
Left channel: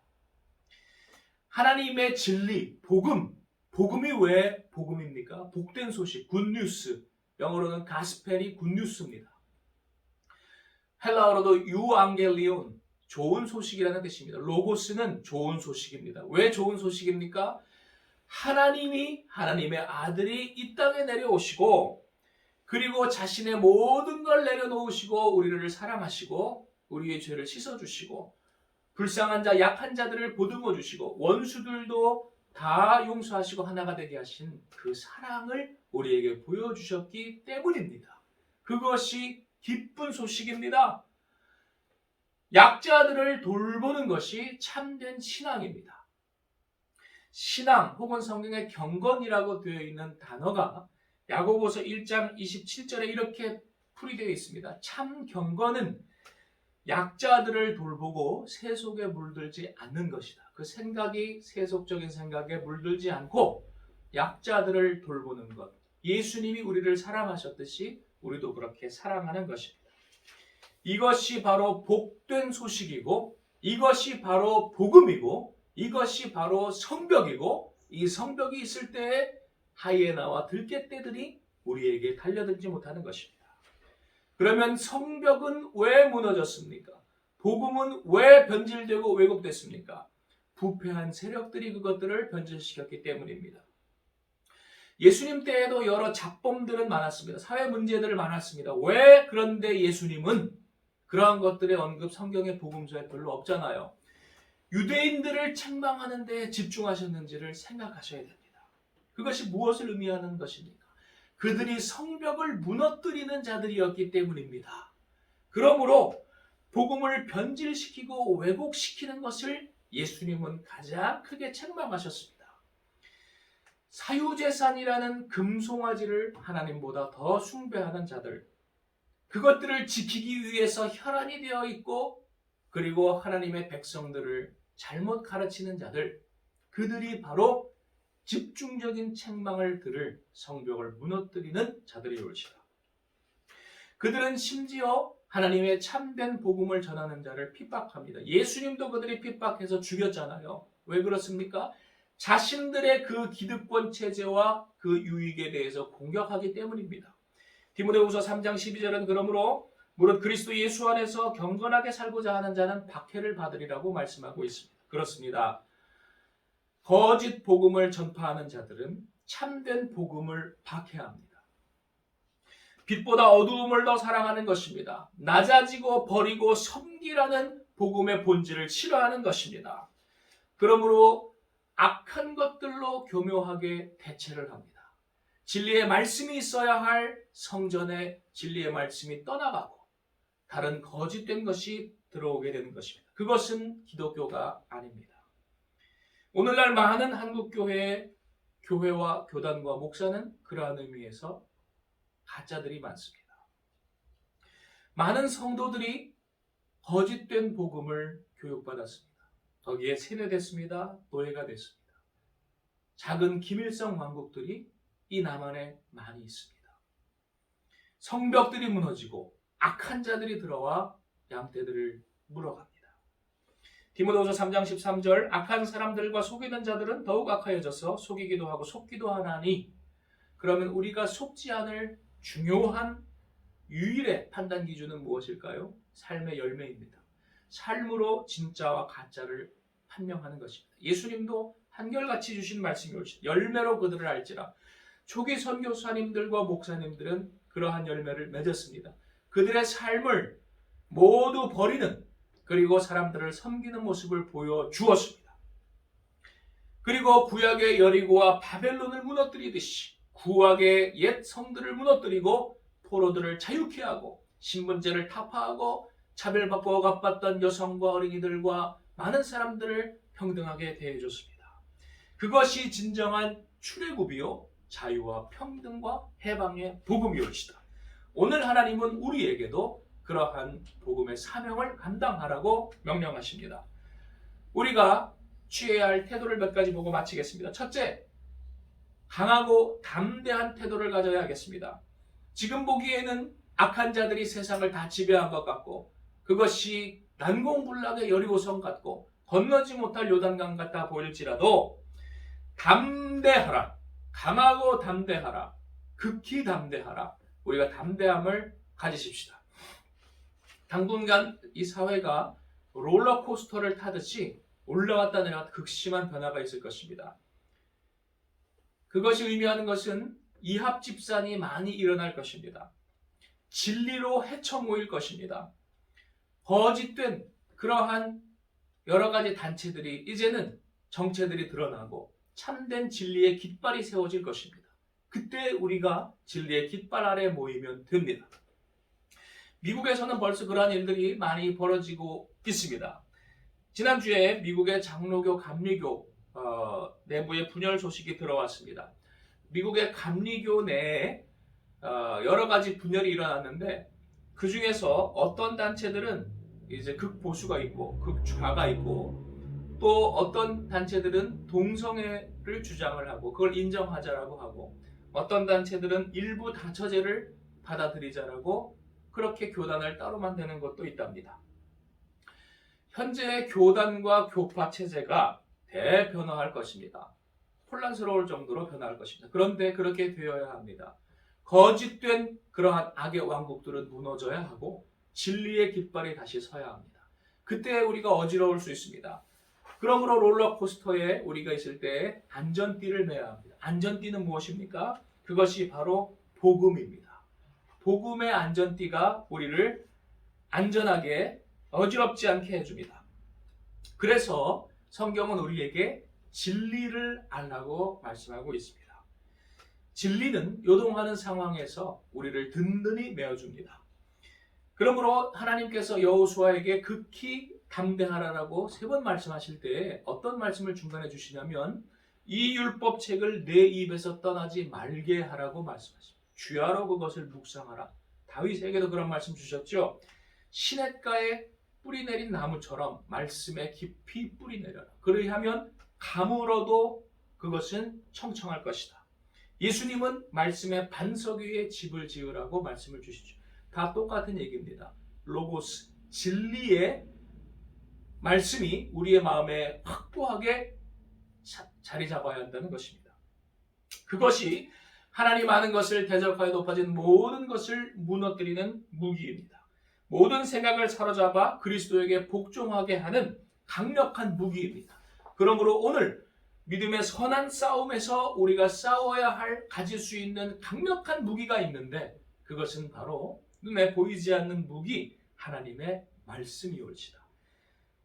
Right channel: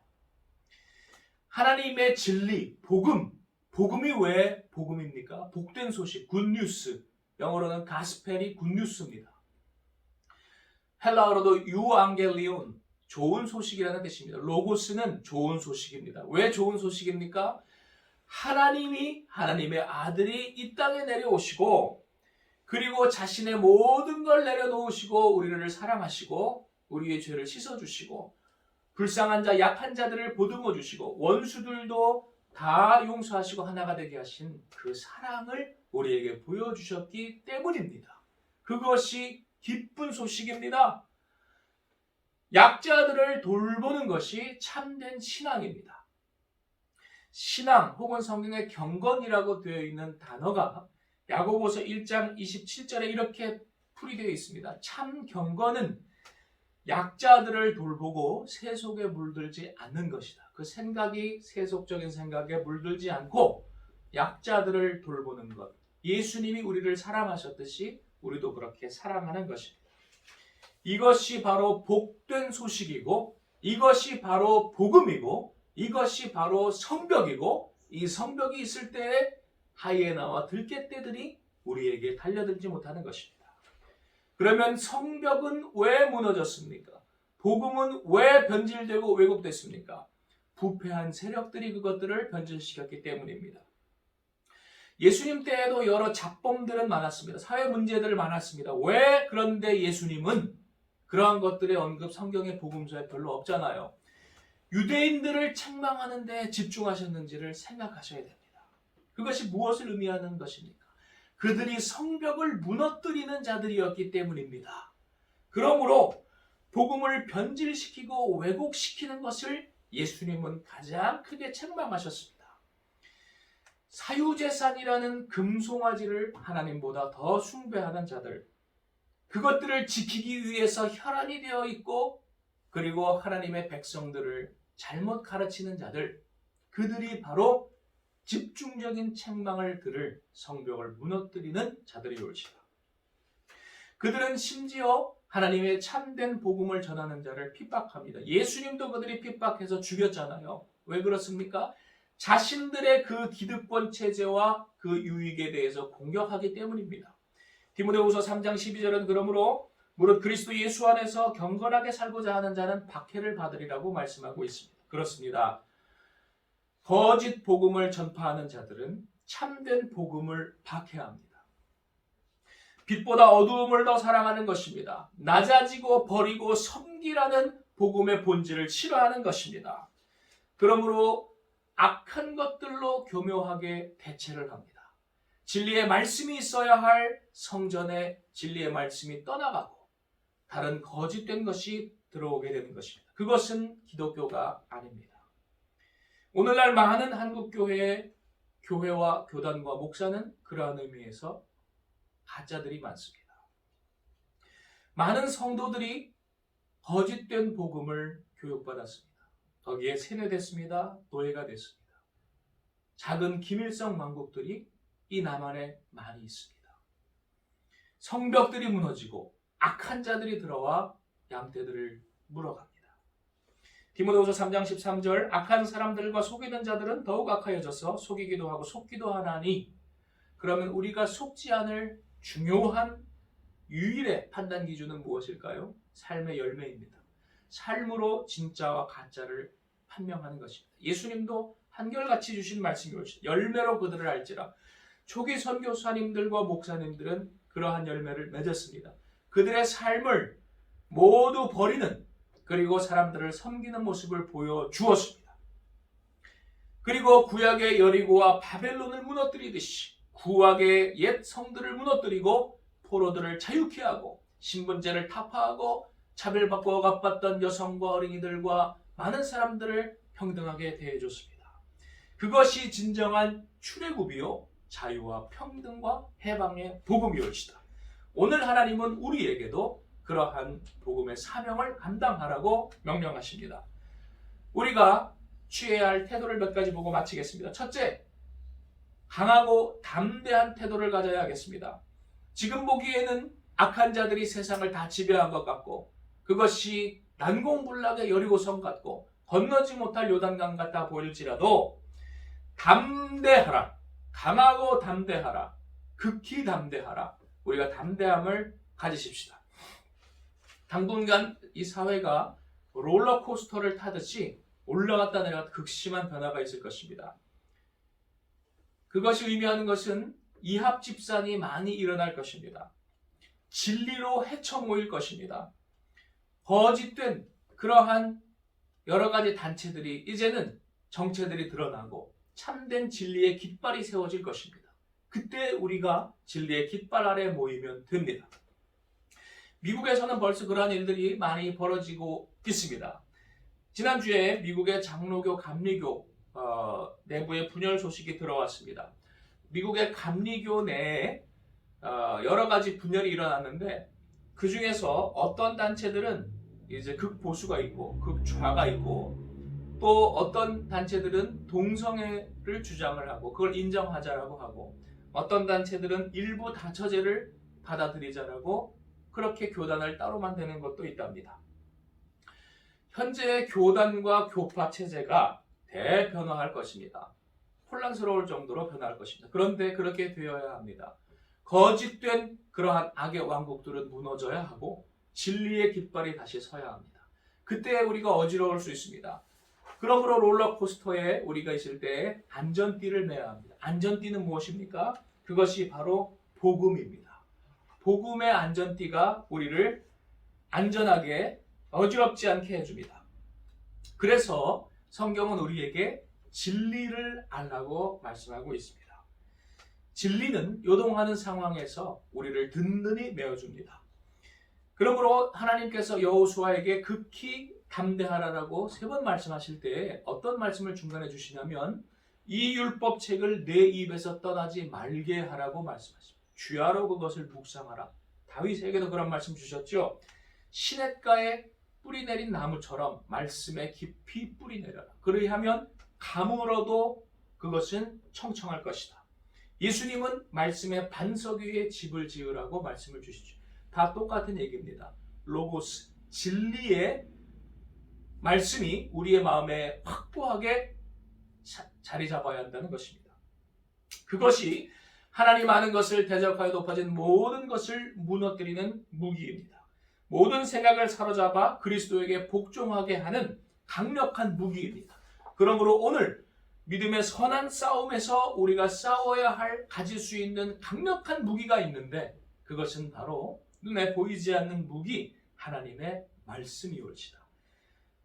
하나님의 진리, 복음이 왜 복음입니까? 복된 소식, 굿뉴스, 영어로는 가스펠이 굿뉴스입니다. 헬라어로도 유앙겔리온, 좋은 소식이라는 뜻입니다. 로고스는 좋은 소식입니다. 왜 좋은 소식입니까? 하나님의 아들이 이 땅에 내려오시고 그리고 자신의 모든 걸 내려놓으시고 우리를 사랑하시고 우리의 죄를 씻어주시고 불쌍한 자, 약한 자들을 보듬어 주시고 원수들도 다 용서하시고 하나가 되게 하신 그 사랑을 우리에게 보여주셨기 때문입니다. 그것이 기쁜 소식입니다. 약자들을 돌보는 것이 참된 신앙입니다. 신앙 혹은 성경의 경건이라고 되어 있는 단어가 야고보서 1장 27절에 이렇게 풀이되어 있습니다. 참 경건은 약자들을 돌보고 세속에 물들지 않는 것이다. 그 생각이 세속적인 생각에 물들지 않고 약자들을 돌보는 것. 예수님이 우리를 사랑하셨듯이 우리도 그렇게 사랑하는 것입니다. 이것이 바로 복된 소식이고 이것이 바로 복음이고 이것이 바로 성벽이고 이 성벽이 있을 때에 하이에나와 들개떼들이 우리에게 달려들지 못하는 것입니다. 그러면 성벽은 왜 무너졌습니까? 복음은 왜 변질되고 왜곡됐습니까? 부패한 세력들이 그것들을 변질시켰기 때문입니다. 예수님 때에도 여러 잡범들은 많았습니다. 사회 문제들은 많았습니다. 왜 그런데 예수님은 그러한 것들의 언급 성경의 복음서에 별로 없잖아요. 유대인들을 책망하는 데 집중하셨는지를 생각하셔야 됩니다. 그것이 무엇을 의미하는 것입니까? 그들이 성벽을 무너뜨리는 자들이었기 때문입니다. 그러므로 복음을 변질시키고 왜곡시키는 것을 예수님은 가장 크게 책망하셨습니다. 사유재산이라는 금송아지를 하나님보다 더 숭배하는 자들, 그것들을 지키기 위해서 혈안이 되어 있고 그리고 하나님의 백성들을 잘못 가르치는 자들, 그들이 바로 집중적인 책망을 들을 성벽을 무너뜨리는 자들이 올시다. 그들은 심지어 하나님의 참된 복음을 전하는 자를 핍박합니다. 예수님도 그들이 핍박해서 죽였잖아요. 왜 그렇습니까? 자신들의 그 기득권 체제와 그 유익에 대해서 공격하기 때문입니다. 디모데후서 3장 12절은 그러므로 무릇 그리스도 예수 안에서 경건하게 살고자 하는 자는 박해를 받으리라고 말씀하고 있습니다. 그렇습니다. 거짓 복음을 전파하는 자들은 참된 복음을 박해합니다. 빛보다 어두움을 더 사랑하는 것입니다. 낮아지고 버리고 섬기라는 복음의 본질을 싫어하는 것입니다. 그러므로 악한 것들로 교묘하게 대체를 합니다. 진리의 말씀이 있어야 할 성전에 진리의 말씀이 떠나가고 다른 거짓된 것이 들어오게 되는 것입니다. 그것은 기독교가 아닙니다. 오늘날 많은 한국 교회와 교단과 목사는 그러한 의미에서 가짜들이 많습니다. 많은 성도들이 거짓된 복음을 교육받았습니다. 거기에 세뇌됐습니다. 노예가 됐습니다. 작은 김일성 왕국들이 이 남한에 많이 있습니다. 성벽들이 무너지고 악한 자들이 들어와 양떼들을 물어갑니다. 디모데후서 3장 13절 악한 사람들과 속이는 자들은 더욱 악하여져서 속이기도 하고 속기도 하나니 그러면 우리가 속지 않을 중요한 유일의 판단 기준은 무엇일까요? 삶의 열매입니다. 삶으로 진짜와 가짜를 판명하는 것입니다. 예수님도 한결같이 주신 말씀이 옳으시다. 열매로 그들을 알지라. 초기 선교사님들과 목사님들은 그러한 열매를 맺었습니다. 그들의 삶을 모두 버리는 그리고 사람들을 섬기는 모습을 보여주었습니다. 그리고 구약의 여리고와 바벨론을 무너뜨리듯이 구약의 옛 성들을 무너뜨리고 포로들을 자유케 하고 신분제를 타파하고 차별받고 억압받던 여성과 어린이들과 많은 사람들을 평등하게 대해줬습니다. 그것이 진정한 출애굽이요 자유와 평등과 해방의 복음이올시다. 오늘 하나님은 우리에게도 그러한 복음의 사명을 감당하라고 명령하십니다. 우리가 취해야 할 태도를 몇 가지 보고 마치겠습니다. 첫째, 강하고 담대한 태도를 가져야 하겠습니다. 지금 보기에는 악한 자들이 세상을 다 지배한 것 같고 그것이 난공불락의 여리고성 같고 건너지 못할 요단강 같아 보일지라도 담대하라. 강하고 담대하라. 극히 담대하라. 우리가 담대함을 가지십시다. 당분간 이 사회가 롤러코스터를 타듯이 올라갔다 내려갔다 극심한 변화가 있을 것입니다. 그것이 의미하는 것은 이합집산이 많이 일어날 것입니다. 진리로 헤쳐 모일 것입니다. 거짓된 그러한 여러 가지 단체들이 이제는 정체들이 드러나고 참된 진리의 깃발이 세워질 것입니다. 그때 우리가 진리의 깃발 아래 모이면 됩니다. 미국에서는 벌써 그러한 일들이 많이 벌어지고 있습니다. 지난주에 미국의 장로교, 감리교 내부의 분열 소식이 들어왔습니다. 미국의 감리교 내에 여러 가지 분열이 일어났는데 그 중에서 어떤 단체들은 이제 극보수가 있고 극좌가 있고 또 어떤 단체들은 동성애를 주장을 하고 그걸 인정하자라고 하고 어떤 단체들은 일부 다처제를 받아들이자라고 그렇게 교단을 따로 만드는 것도 있답니다. 현재의 교단과 교파 체제가 대변화할 것입니다. 혼란스러울 정도로 변화할 것입니다. 그런데 그렇게 되어야 합니다. 거짓된 그러한 악의 왕국들은 무너져야 하고 진리의 깃발이 다시 서야 합니다. 그때 우리가 어지러울 수 있습니다. 그러므로 롤러코스터에 우리가 있을 때 안전띠를 매야 합니다. 안전띠는 무엇입니까? 그것이 바로 복음입니다. 복음의 안전띠가 우리를 안전하게 어지럽지 않게 해줍니다. 그래서 성경은 우리에게 진리를 알라고 말씀하고 있습니다. 진리는 요동하는 상황에서 우리를 든든히 메어줍니다. 그러므로 하나님께서 여호수아에게 극히 담대하라라고 3번 말씀하실 때 어떤 말씀을 중간에 주시냐면 이 율법책을 내 입에서 떠나지 말게 하라고 말씀하십니다. 주야로 그것을 묵상하라. 다윗에게도 그런 말씀 주셨죠. 시냇가에 뿌리 내린 나무처럼 말씀에 깊이 뿌리 내려라. 그리하면 가물어도 그것은 청청할 것이다. 예수님은 말씀의 반석 위에 집을 지으라고 말씀을 주시죠. 다 똑같은 얘기입니다. 로고스, 진리의 말씀이 우리의 마음에 확고하게 자리 잡아야 한다는 것입니다. 그것이 하나님 아는 것을 대적하여 높아진 모든 것을 무너뜨리는 무기입니다. 모든 생각을 사로잡아 그리스도에게 복종하게 하는 강력한 무기입니다. 그러므로 오늘 믿음의 선한 싸움에서 우리가 싸워야 할 가질 수 있는 강력한 무기가 있는데 그것은 바로 눈에 보이지 않는 무기 하나님의 말씀이올지다.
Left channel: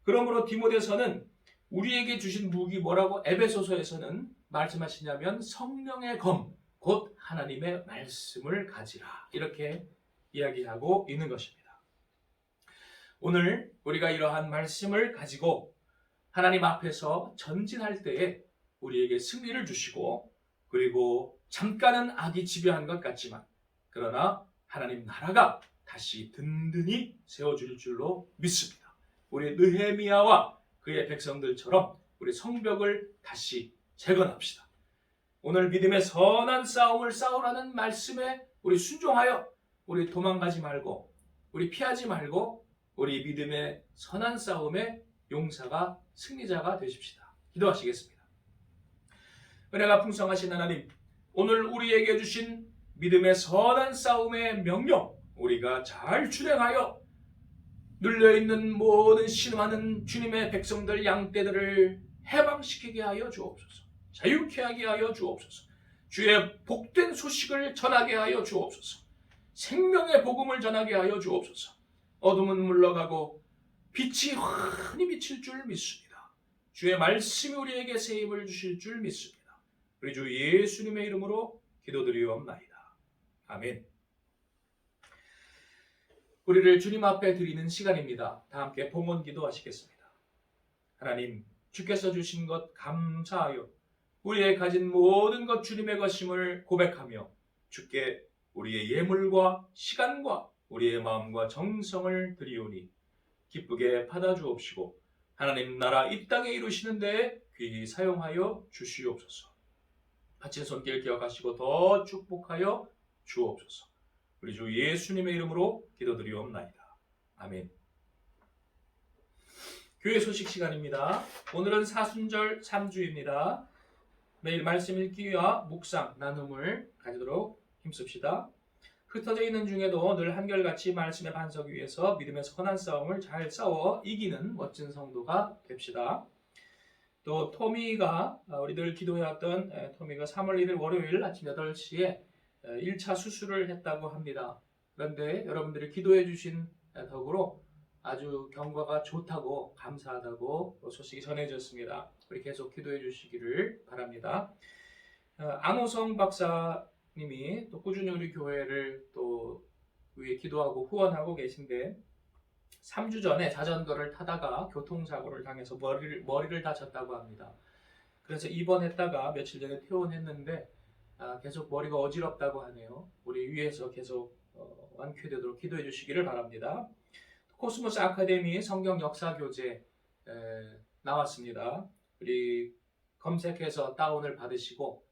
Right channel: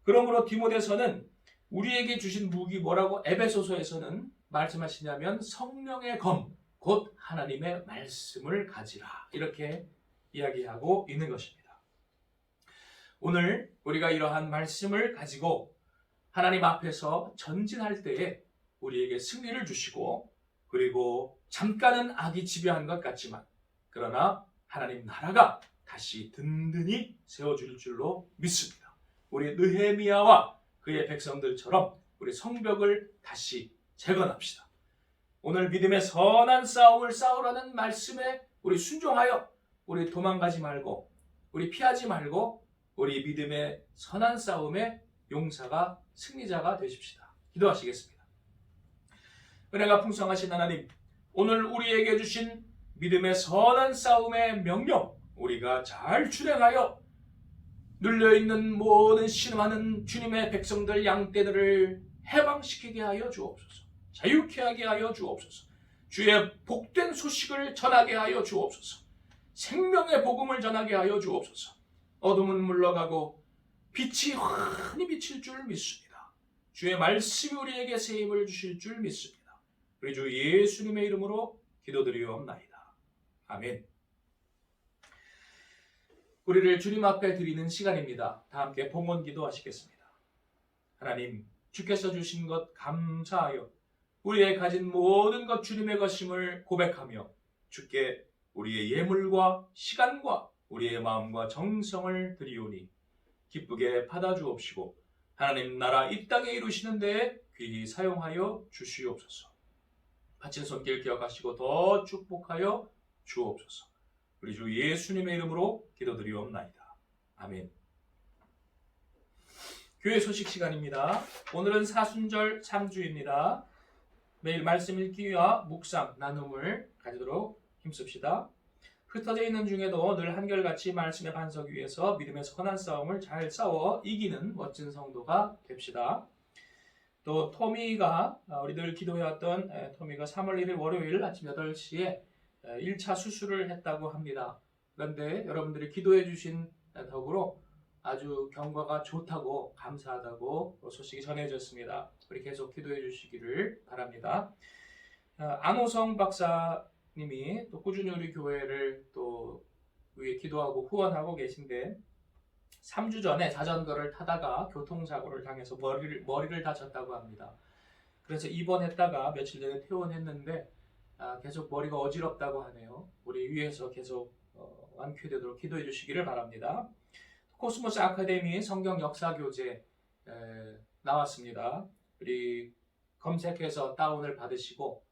그러므로 디모데서는 우리에게 주신 무기 뭐라고 에베소서에서는 말씀하시냐면 성령의 검 곧 하나님의 말씀을 가지라 이렇게 이야기하고 있는 것입니다. 오늘 우리가 이러한 말씀을 가지고 하나님 앞에서 전진할 때에 우리에게 승리를 주시고, 그리고 잠깐은 악이 지배한 것 같지만 그러나 하나님 나라가 다시 든든히 세워질 줄로 믿습니다. 우리 느헤미야와 그의 백성들처럼 우리 성벽을 다시 재건합시다. 오늘 믿음의 선한 싸움을 싸우라는 말씀에 우리 순종하여 우리 도망가지 말고, 우리 피하지 말고, 우리 믿음의 선한 싸움의 용사가, 승리자가 되십시다. 기도하시겠습니다. 은혜가 풍성하신 하나님, 오늘 우리에게 주신 믿음의 선한 싸움의 명령, 우리가 잘 준행하여 눌려있는 모든 신음하는 주님의 백성들, 양떼들을 해방시키게 하여 주옵소서. 자유케 하게 하여 주옵소서. 주의 복된 소식을 전하게 하여 주옵소서. 생명의 복음을 전하게 하여 주옵소서. 어둠은 물러가고 빛이 환히 비칠 줄 믿습니다. 주의 말씀이 우리에게 새 힘을 주실 줄 믿습니다. 우리 주 예수님의 이름으로 기도드리옵나이다. 아멘. 우리를 주님 앞에 드리는 시간입니다. 다 함께 봉헌 기도하시겠습니다. 하나님, 주께서 주신 것 감사하여 우리의 가진 모든 것 주님의 것임을 고백하며 주께 우리의 예물과 시간과 우리의 마음과 정성을 드리오니 기쁘게 받아주옵시고 하나님 나라 이 땅에 이루시는 데에 귀히 사용하여 주시옵소서. 바친 손길 기억하시고 더 축복하여 주옵소서. 우리 주 예수님의 이름으로 기도드리옵나이다. 아멘. 교회 소식 시간입니다. 오늘은 사순절 3주입니다. 매일 말씀 읽기와 묵상, 나눔을 가지도록 힘씁시다. 흩어져 있는 중에도 늘 한결같이 말씀의 반석 위에서 믿음의 선한 싸움을 잘 싸워 이기는 멋진 성도가 됩시다. 또 토미가, 우리 늘 기도해왔던 토미가 3월 1일 월요일 아침 8시에 1차 수술을 했다고 합니다. 그런데 여러분들이 기도해 주신 덕으로 아주 경과가 좋다고, 감사하다고 소식이 전해졌습니다. 우리 계속 기도해 주시기를 바랍니다. 안호성 박사님이 또 꾸준히 우리 교회를 또 위해 기도하고 후원하고 계신데 3주 전에 자전거를 타다가 교통사고를 당해서 머리를 다쳤다고 합니다. 그래서 입원했다가 며칠 전에 퇴원했는데 계속 머리가 어지럽다고 하네요. 우리 위에서 계속 완쾌되도록 기도해 주시기를 바랍니다. 코스모스 아카데미 성경 역사 교재 나왔습니다. 우리 검색해서 다운을 받으시고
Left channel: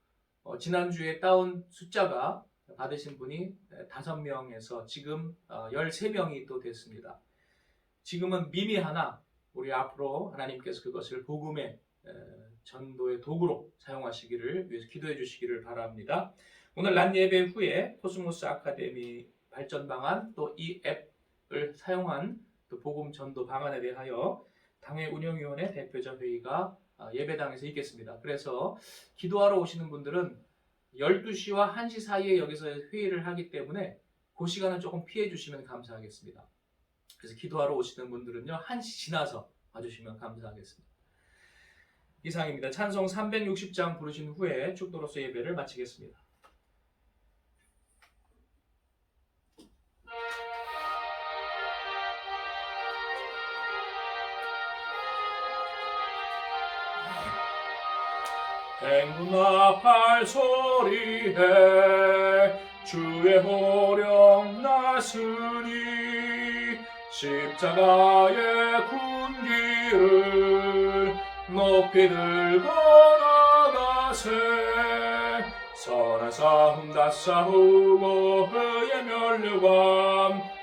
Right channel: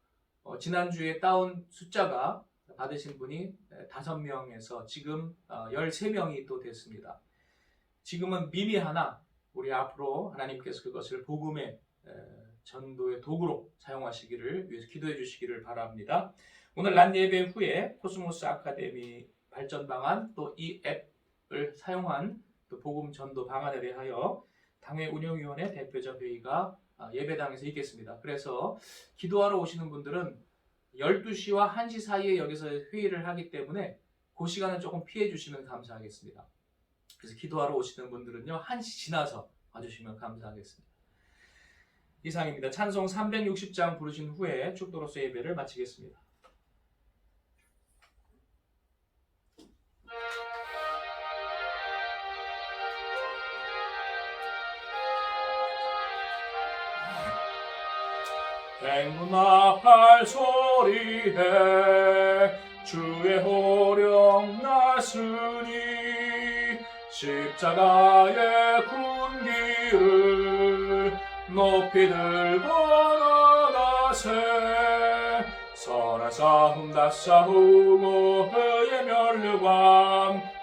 지난주에 다운 숫자가 받으신 분이 5명에서 지금 13명이 또 됐습니다. 지금은 미미하나 우리 앞으로 하나님께서 그것을 복음의 전도의 도구로 사용하시기를 위해서 기도해 주시기를 바랍니다. 오늘 낮 예배 후에 코스모스 아카데미 발전 방안 또 이 앱을 사용한 또 복음 전도 방안에 대하여 당회 운영위원회 대표자 회의가 예배당에서 있겠습니다. 그래서 기도하러 오시는 분들은 12시와 1시 사이에 여기서 회의를 하기 때문에 그 시간은 조금 피해 주시면 감사하겠습니다. 그래서 기도하러 오시는 분들은요 1시 지나서 와주시면 감사하겠습니다. 이상입니다. 찬송 360장 부르신 후에 축도로서 예배를 마치겠습니다. 행군아 팔소리해 주의 호령 나으니 십자가의 군기를 높이 들고 나가세 선한 싸움 다 싸우고 의의 면류관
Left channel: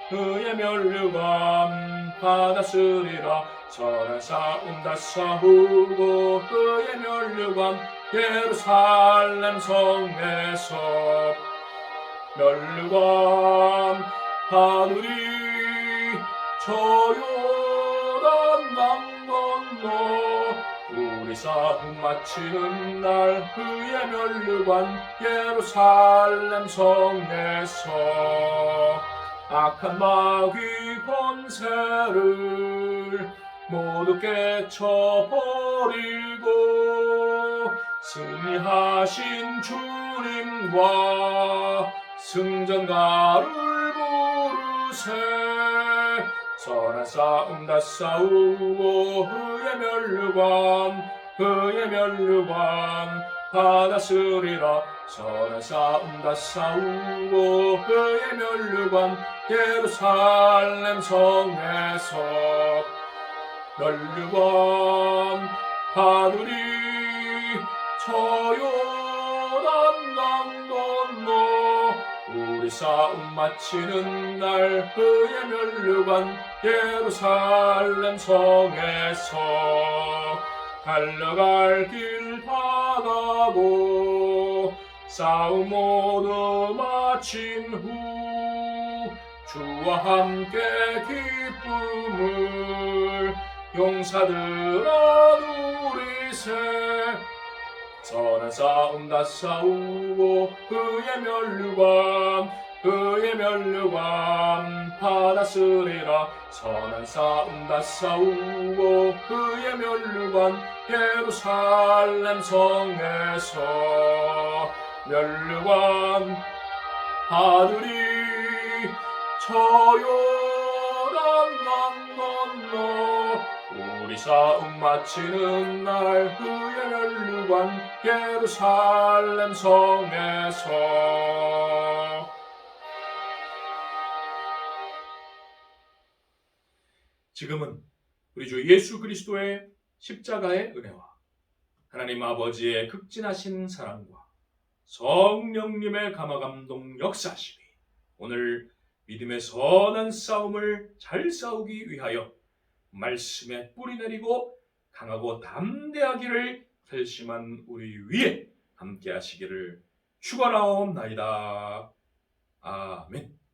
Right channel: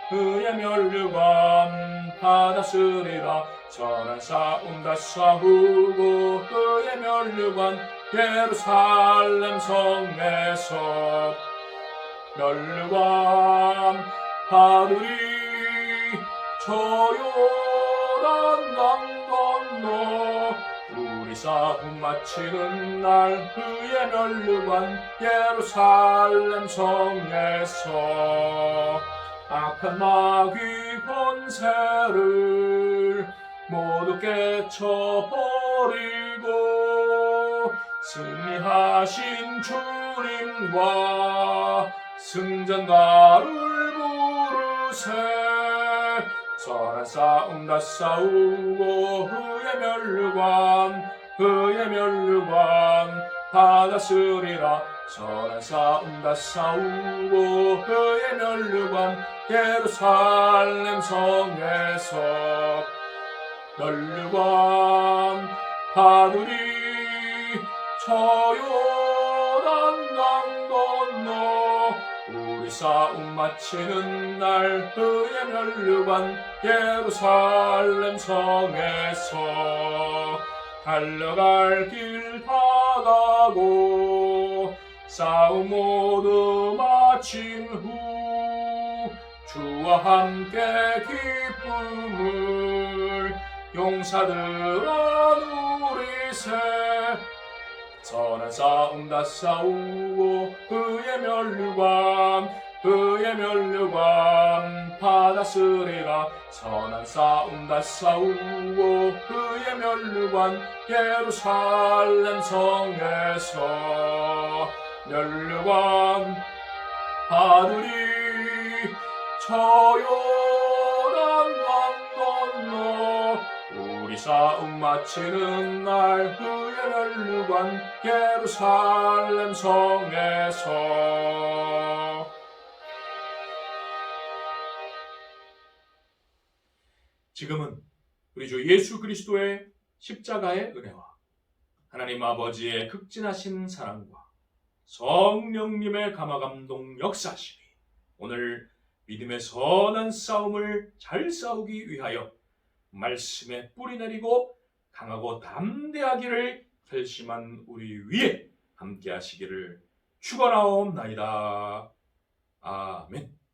받았으리라 선한 싸움 다 싸우고 의의 면류관 예루살렘 성에서 면류관 받으리 저 요단 강 건너 우리 싸움 마치는 날 의의 면류관 예루살렘 성에서 악한 마귀 권세를 모두 깨쳐버리고 승리하신 주님과 승전가를 부르세 선한 싸움 다 싸우고 그의 멸류관 받았으리라. 선한 싸움 다 싸우고 그의 멸류관 예루살렘 성에서 멸류관 받으리. 저 요단 강 건너 우리 싸움 마치는 날 그의 멸류관 예루살렘 성에서 달려갈 길 다 가고 싸움 모두 마친 후 주와 함께 기쁨을 용사들아 누리세. 선한 싸움 다 싸우고 그의 멸류관 받았으리라. 선한 싸움 다 싸우고 그의 멸류관 예루살렘 성에서 멸류관 받으리. 저 요단 강 건너 우리 싸움 마치는 날 그의 멸류관 예루살렘 성에서. 지금은 우리 주 예수 그리스도의 십자가의 은혜와 하나님 아버지의 극진하신 사랑과 성령님의 감화감동 역사심이 오늘 믿음의 선한 싸움을 잘 싸우기 위하여 말씀에 뿌리 내리고 강하고 담대하기를 결심한 우리 위에 함께 하시기를 축원하옵나이다. 아멘.